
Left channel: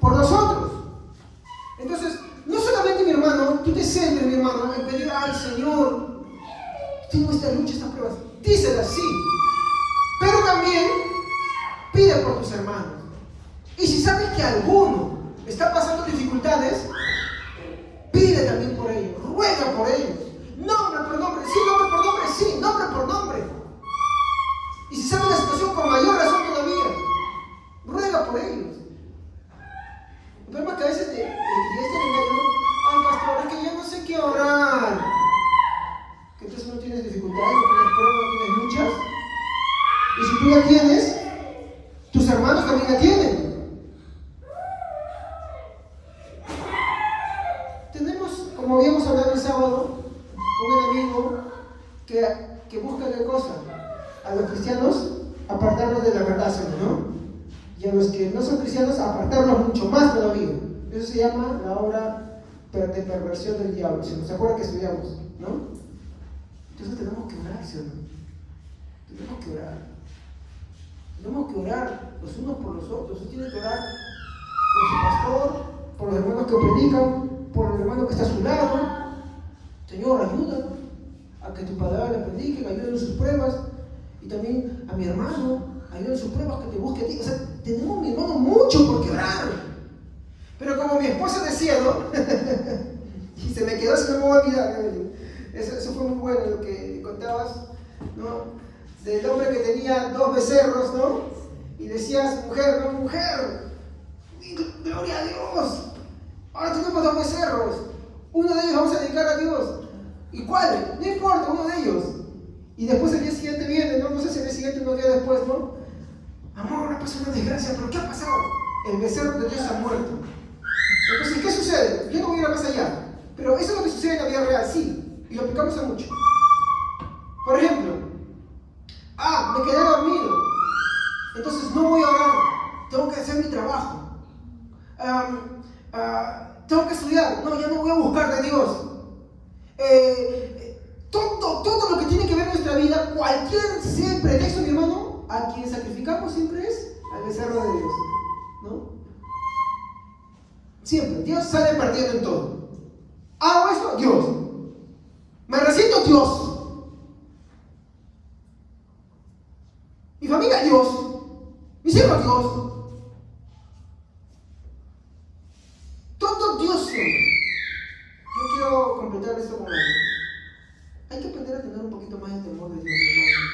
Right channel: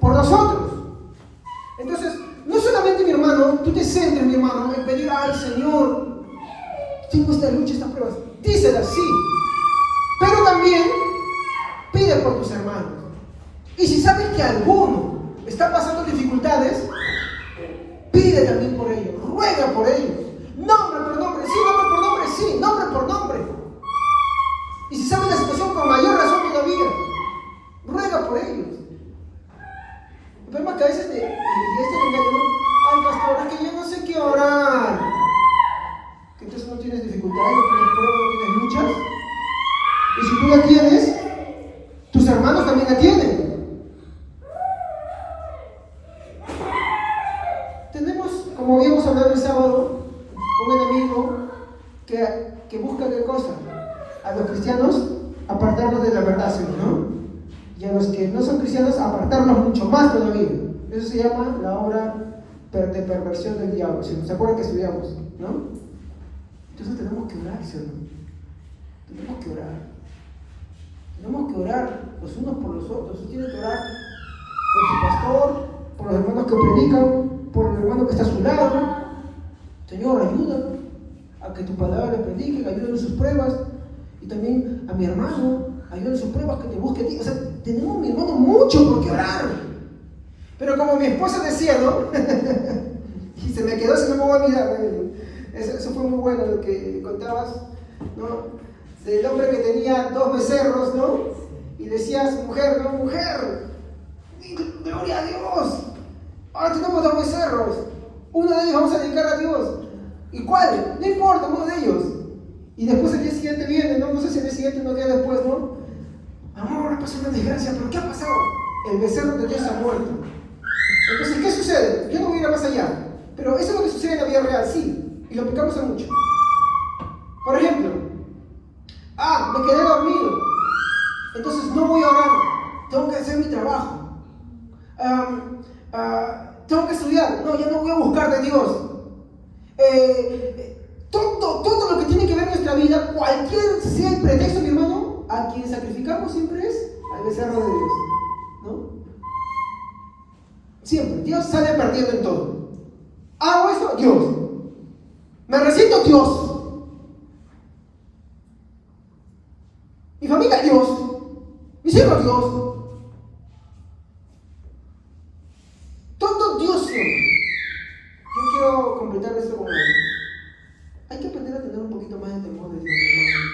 por los otros. Entonces, no solamente, mi hermano, tú te centres, mi hermano, en pedir, ay, Señor, tengo esta lucha, estas pruebas. Dísela así. Pero también pide por tus hermanos. Y si sabes que alguno está pasando dificultades, pide también por ellos, ruega por ellos, nombre por nombre, sí, nombre por nombre, sí, nombre por nombre. Y si sabes la situación, con mayor razón todavía, ruega por ellos. El problema es que a veces y este engaño, ¿no? Ay, pastor, es que yo no sé qué orar. Que entonces no tienes dificultades, no tienes pruebas, no tienes luchas. Y si tú la tienes, tus hermanos también la tienen. Tenemos, como habíamos hablado el sábado, un enemigo que busca qué cosa. A los cristianos apartarnos de la verdad, ¿no? Y a los que no son cristianos apartarnos mucho más todavía. Eso se llama la obra de perversión del diablo. Si nos acuerdan que estudiamos, ¿no? Entonces tenemos que orar, ¿sí o no? Tenemos que orar. Tenemos que orar los unos por los otros. Usted tiene que orar por su pastor, por los hermanos que predican, por el hermano que está a su lado. Señor, ayúdame a que tu palabra le predique, ayúdame en sus pruebas. Y también a mi hermano, ayúdame en sus pruebas, que te busque a ti. O sea, tenemos, mi hermano, mucho por qué orar. Pero como mi esposa decía, ¿no? Y se me quedó, si no me voy a mirar. Eso fue muy bueno lo que contabas, ¿no? Del hombre que tenía 2 becerros, ¿no? Y decía a su mujer, no, mujer, gloria a Dios. Ahora tenemos 2 becerros. Uno de ellos vamos a dedicar a Dios. ¿Y cuál? No importa, uno de ellos. Y después el día siguiente viene, ¿no? No sé si el día siguiente o unos días después, ¿no? Amor, ha pasado una desgracia, pero ¿qué ha pasado? El becerro de Dios ha muerto. Entonces, ¿qué sucede? Yo no voy a ir más allá. Pero eso es lo que sucede en la vida real, sí. Y lo aplicamos a mucho. Por ejemplo, me quedé dormido. Entonces no voy a orar. Tengo que hacer mi trabajo. Tengo que estudiar. No, ya no voy a buscar de Dios. Todo lo que tiene que ver en nuestra vida, cualquier sea el pretexto, mi hermano, a quien sacrificamos siempre es al becerro de Dios, ¿no? Siempre, Dios sale perdiendo en todo. Hago esto, Dios. Me resiento, Dios. Mi familia, Dios. Mis hijos, Dios. Todo Dios siempre. Yo quiero completar esto con algo. Hay que aprender a tener un poquito más de temor de Dios, mi hermano.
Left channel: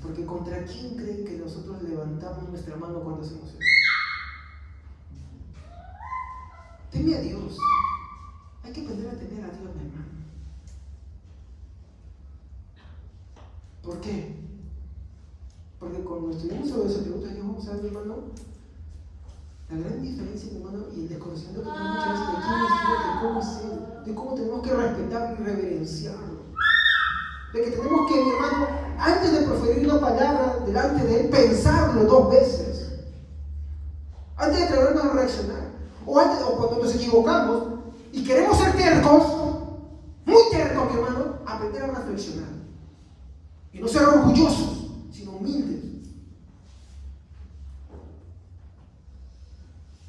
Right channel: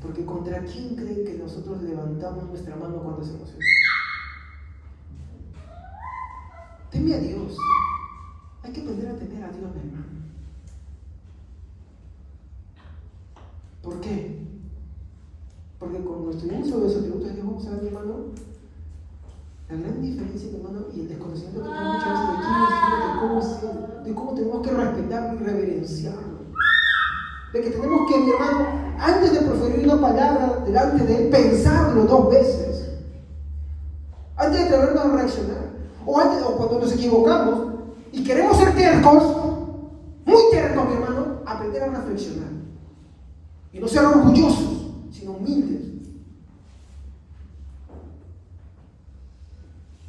Porque ¿contra quién creen que nosotros levantamos nuestra mano cuando hacemos eso? Teme a Dios. Hay que aprender a temer a Dios, mi hermano. ¿Por qué? Porque cuando estudiamos sobre los atributos de Dios, vamos a ver, mi hermano, la gran diferencia, mi hermano, y el desconocimiento que tenemos muchas veces de quién es Dios, de cómo es Él, de cómo tenemos que respetarlo y reverenciarlo. De que tenemos que, mi hermano, antes de proferir una palabra delante de Él, pensarlo 2 veces. Antes de atrevernos a reaccionar. O cuando nos equivocamos y queremos ser tercos, muy tercos, mi hermano, aprender a reflexionar. Y no ser orgullosos, sino humildes.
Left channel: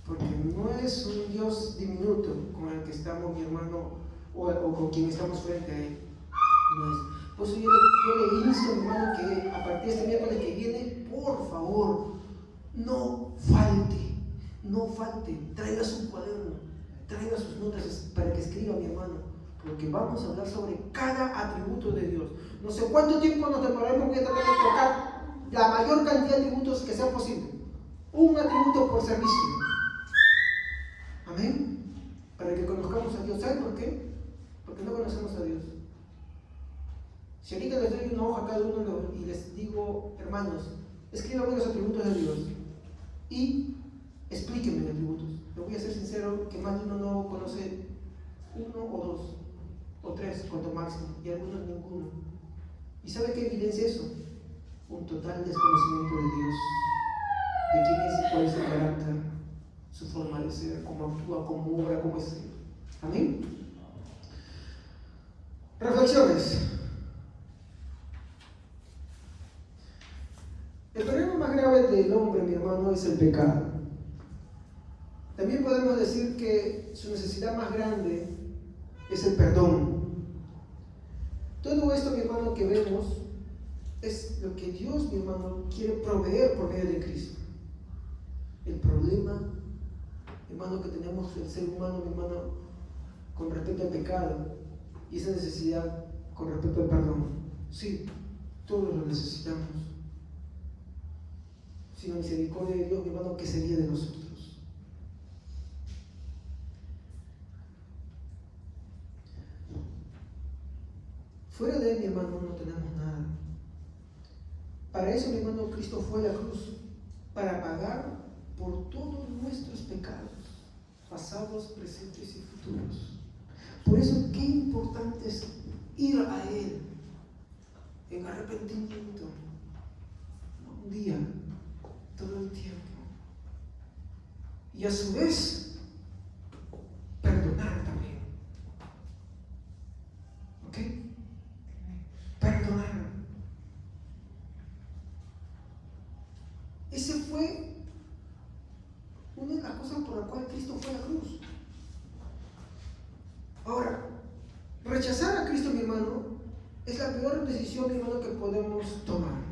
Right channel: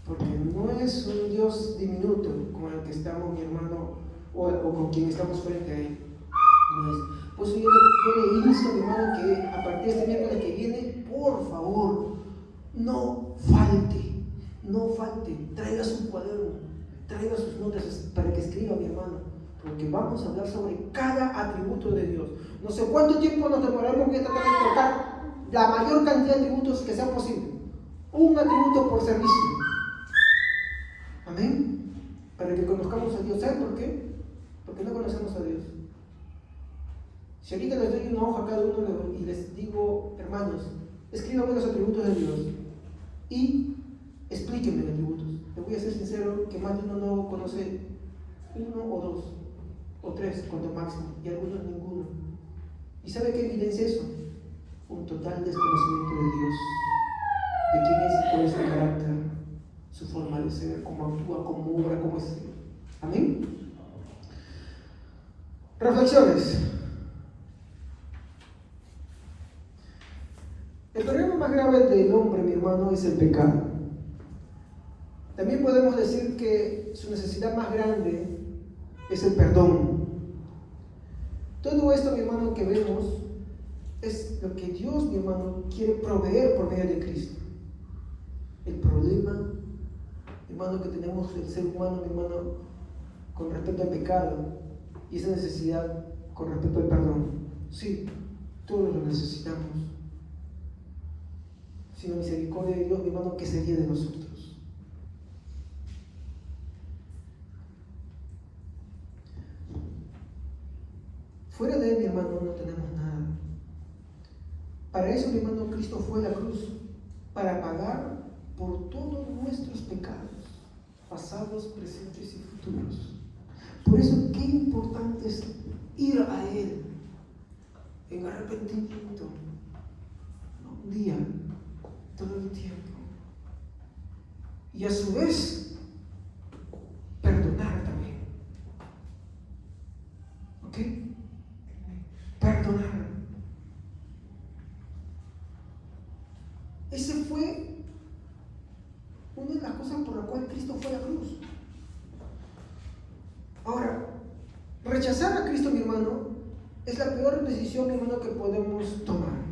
Porque no es un Dios diminuto con el que estamos, mi hermano, o con quien estamos frente a Él. No es. Por eso yo le insto, mi hermano, que a partir de este miércoles que viene, por favor, no falte, traiga su cuaderno, traiga sus notas para que escriba, mi hermano, porque vamos a hablar sobre cada atributo de Dios. No sé cuánto tiempo nos demoraremos, voy a tratar de tocar la mayor cantidad de atributos que sea posible. Un atributo por servicio. Amén. Para que conozcamos a Dios. ¿Saben por qué? Porque no conocemos a Dios. Si ahorita les doy una hoja a cada uno y les digo, hermanos, Escríbame los atributos de Dios y explíquenme los atributos. Les voy a ser sincero que más de uno no conoce uno o dos o tres, cuanto máximo, y algunos ninguno. ¿Y sabe qué evidencia eso? Un total desconocimiento de Dios, de quién es, cuál es su carácter, su forma de ser, cómo actúa, cómo obra, cómo es. Amén. Reflexiones. El problema más grave del hombre, mi hermano, es el pecado. También podemos decir que su necesidad más grande es el perdón. Todo esto, mi hermano, que vemos es lo que Dios, mi hermano, quiere proveer por medio de Cristo. El problema, mi hermano, que tenemos el ser humano, mi hermano, con respecto al pecado y esa necesidad con respecto al perdón. Sí, todos lo necesitamos. Sin la misericordia de Dios, mi hermano, ¿qué sería de nosotros? Fuera de Él, mi hermano, no tenemos nada. Para eso, mi hermano, Cristo fue a la cruz, para pagar por todos nuestros pecados, pasados, presentes y futuros. Por eso, qué importante es ir a Él en arrepentimiento, no un día, todo el tiempo. Y a su vez, perdonar también. ¿Ok? Perdonar. Ese fue una de las cosas por la cual Cristo fue a la cruz. Ahora, rechazar a Cristo, mi hermano, es la peor decisión, mi hermano, que podemos tomar.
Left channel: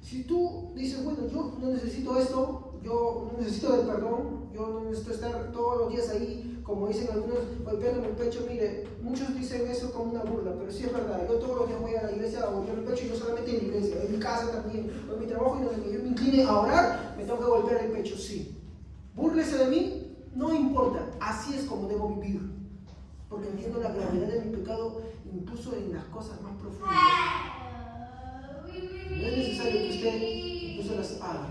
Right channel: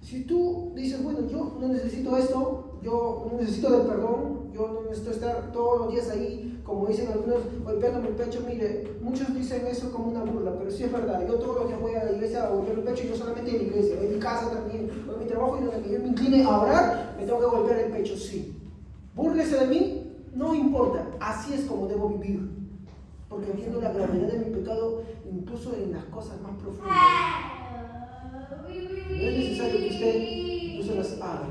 Si tú dices, bueno, yo no necesito esto, yo no necesito del perdón, yo no necesito estar todos los días ahí, como dicen algunos, golpeándome el pecho. Mire, muchos dicen eso como una burla, pero sí es verdad. Yo todos los días voy a la iglesia a golpear el pecho, y no solamente en la iglesia, en mi casa también, en mi trabajo, y donde yo me incline a orar, me tengo que golpear el pecho, sí. Búrlese de mí, no importa, así es como debo vivir, porque entiendo la gravedad de mi pecado, incluso en las cosas más profundas. No es necesario que usted incluso las haga,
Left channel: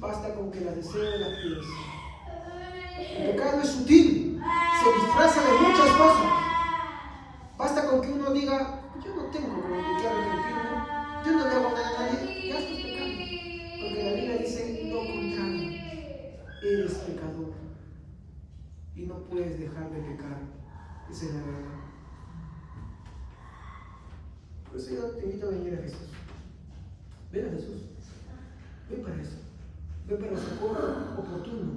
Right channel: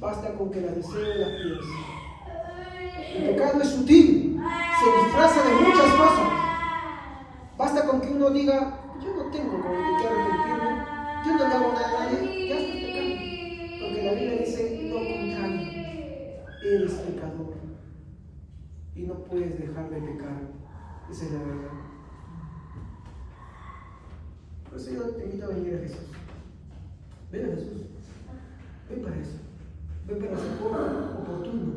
basta con que las desee y las piense. El pecado es sutil, se disfraza de muchas cosas. Basta con que uno diga, yo no tengo como de qué arrepentirme, yo no le hago nada a nadie, ya estás pecando. Porque la Biblia dice lo contrario, eres pecador y no puedes dejar de pecar. Esa es la verdad. Por eso yo te invito a venir a Jesús. Ven a Jesús. Ven para eso. Ven para el socorro oportuno.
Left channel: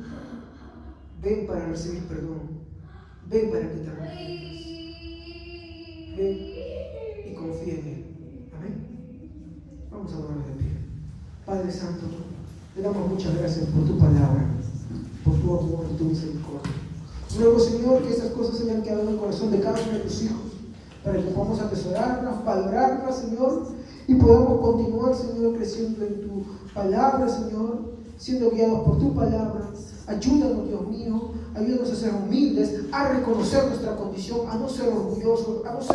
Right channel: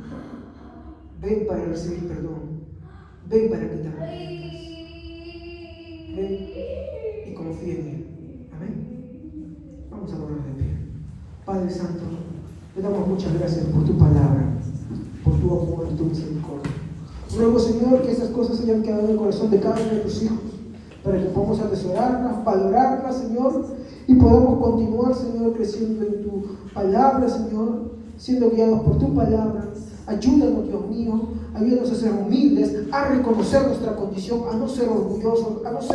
Ven para recibir perdón. Ven para que te arrepientas. Ven y confía en Él. Amén. Vamos a ponernos de pie. Padre Santo, te damos muchas gracias por tu palabra, por tu amor y tu misericordia. Ruego, Señor, que estas cosas hayan quedado en el corazón de cada uno de tus hijos, para que podamos atesorarlas, valorarlas, Señor, y podamos continuar, Señor, creciendo en tu palabra, Señor, siendo guiados por tu palabra. Ayúdanos, Dios mío, ayúdanos a ser humildes, a reconocer nuestra condición, a no ser orgullosos, a no ser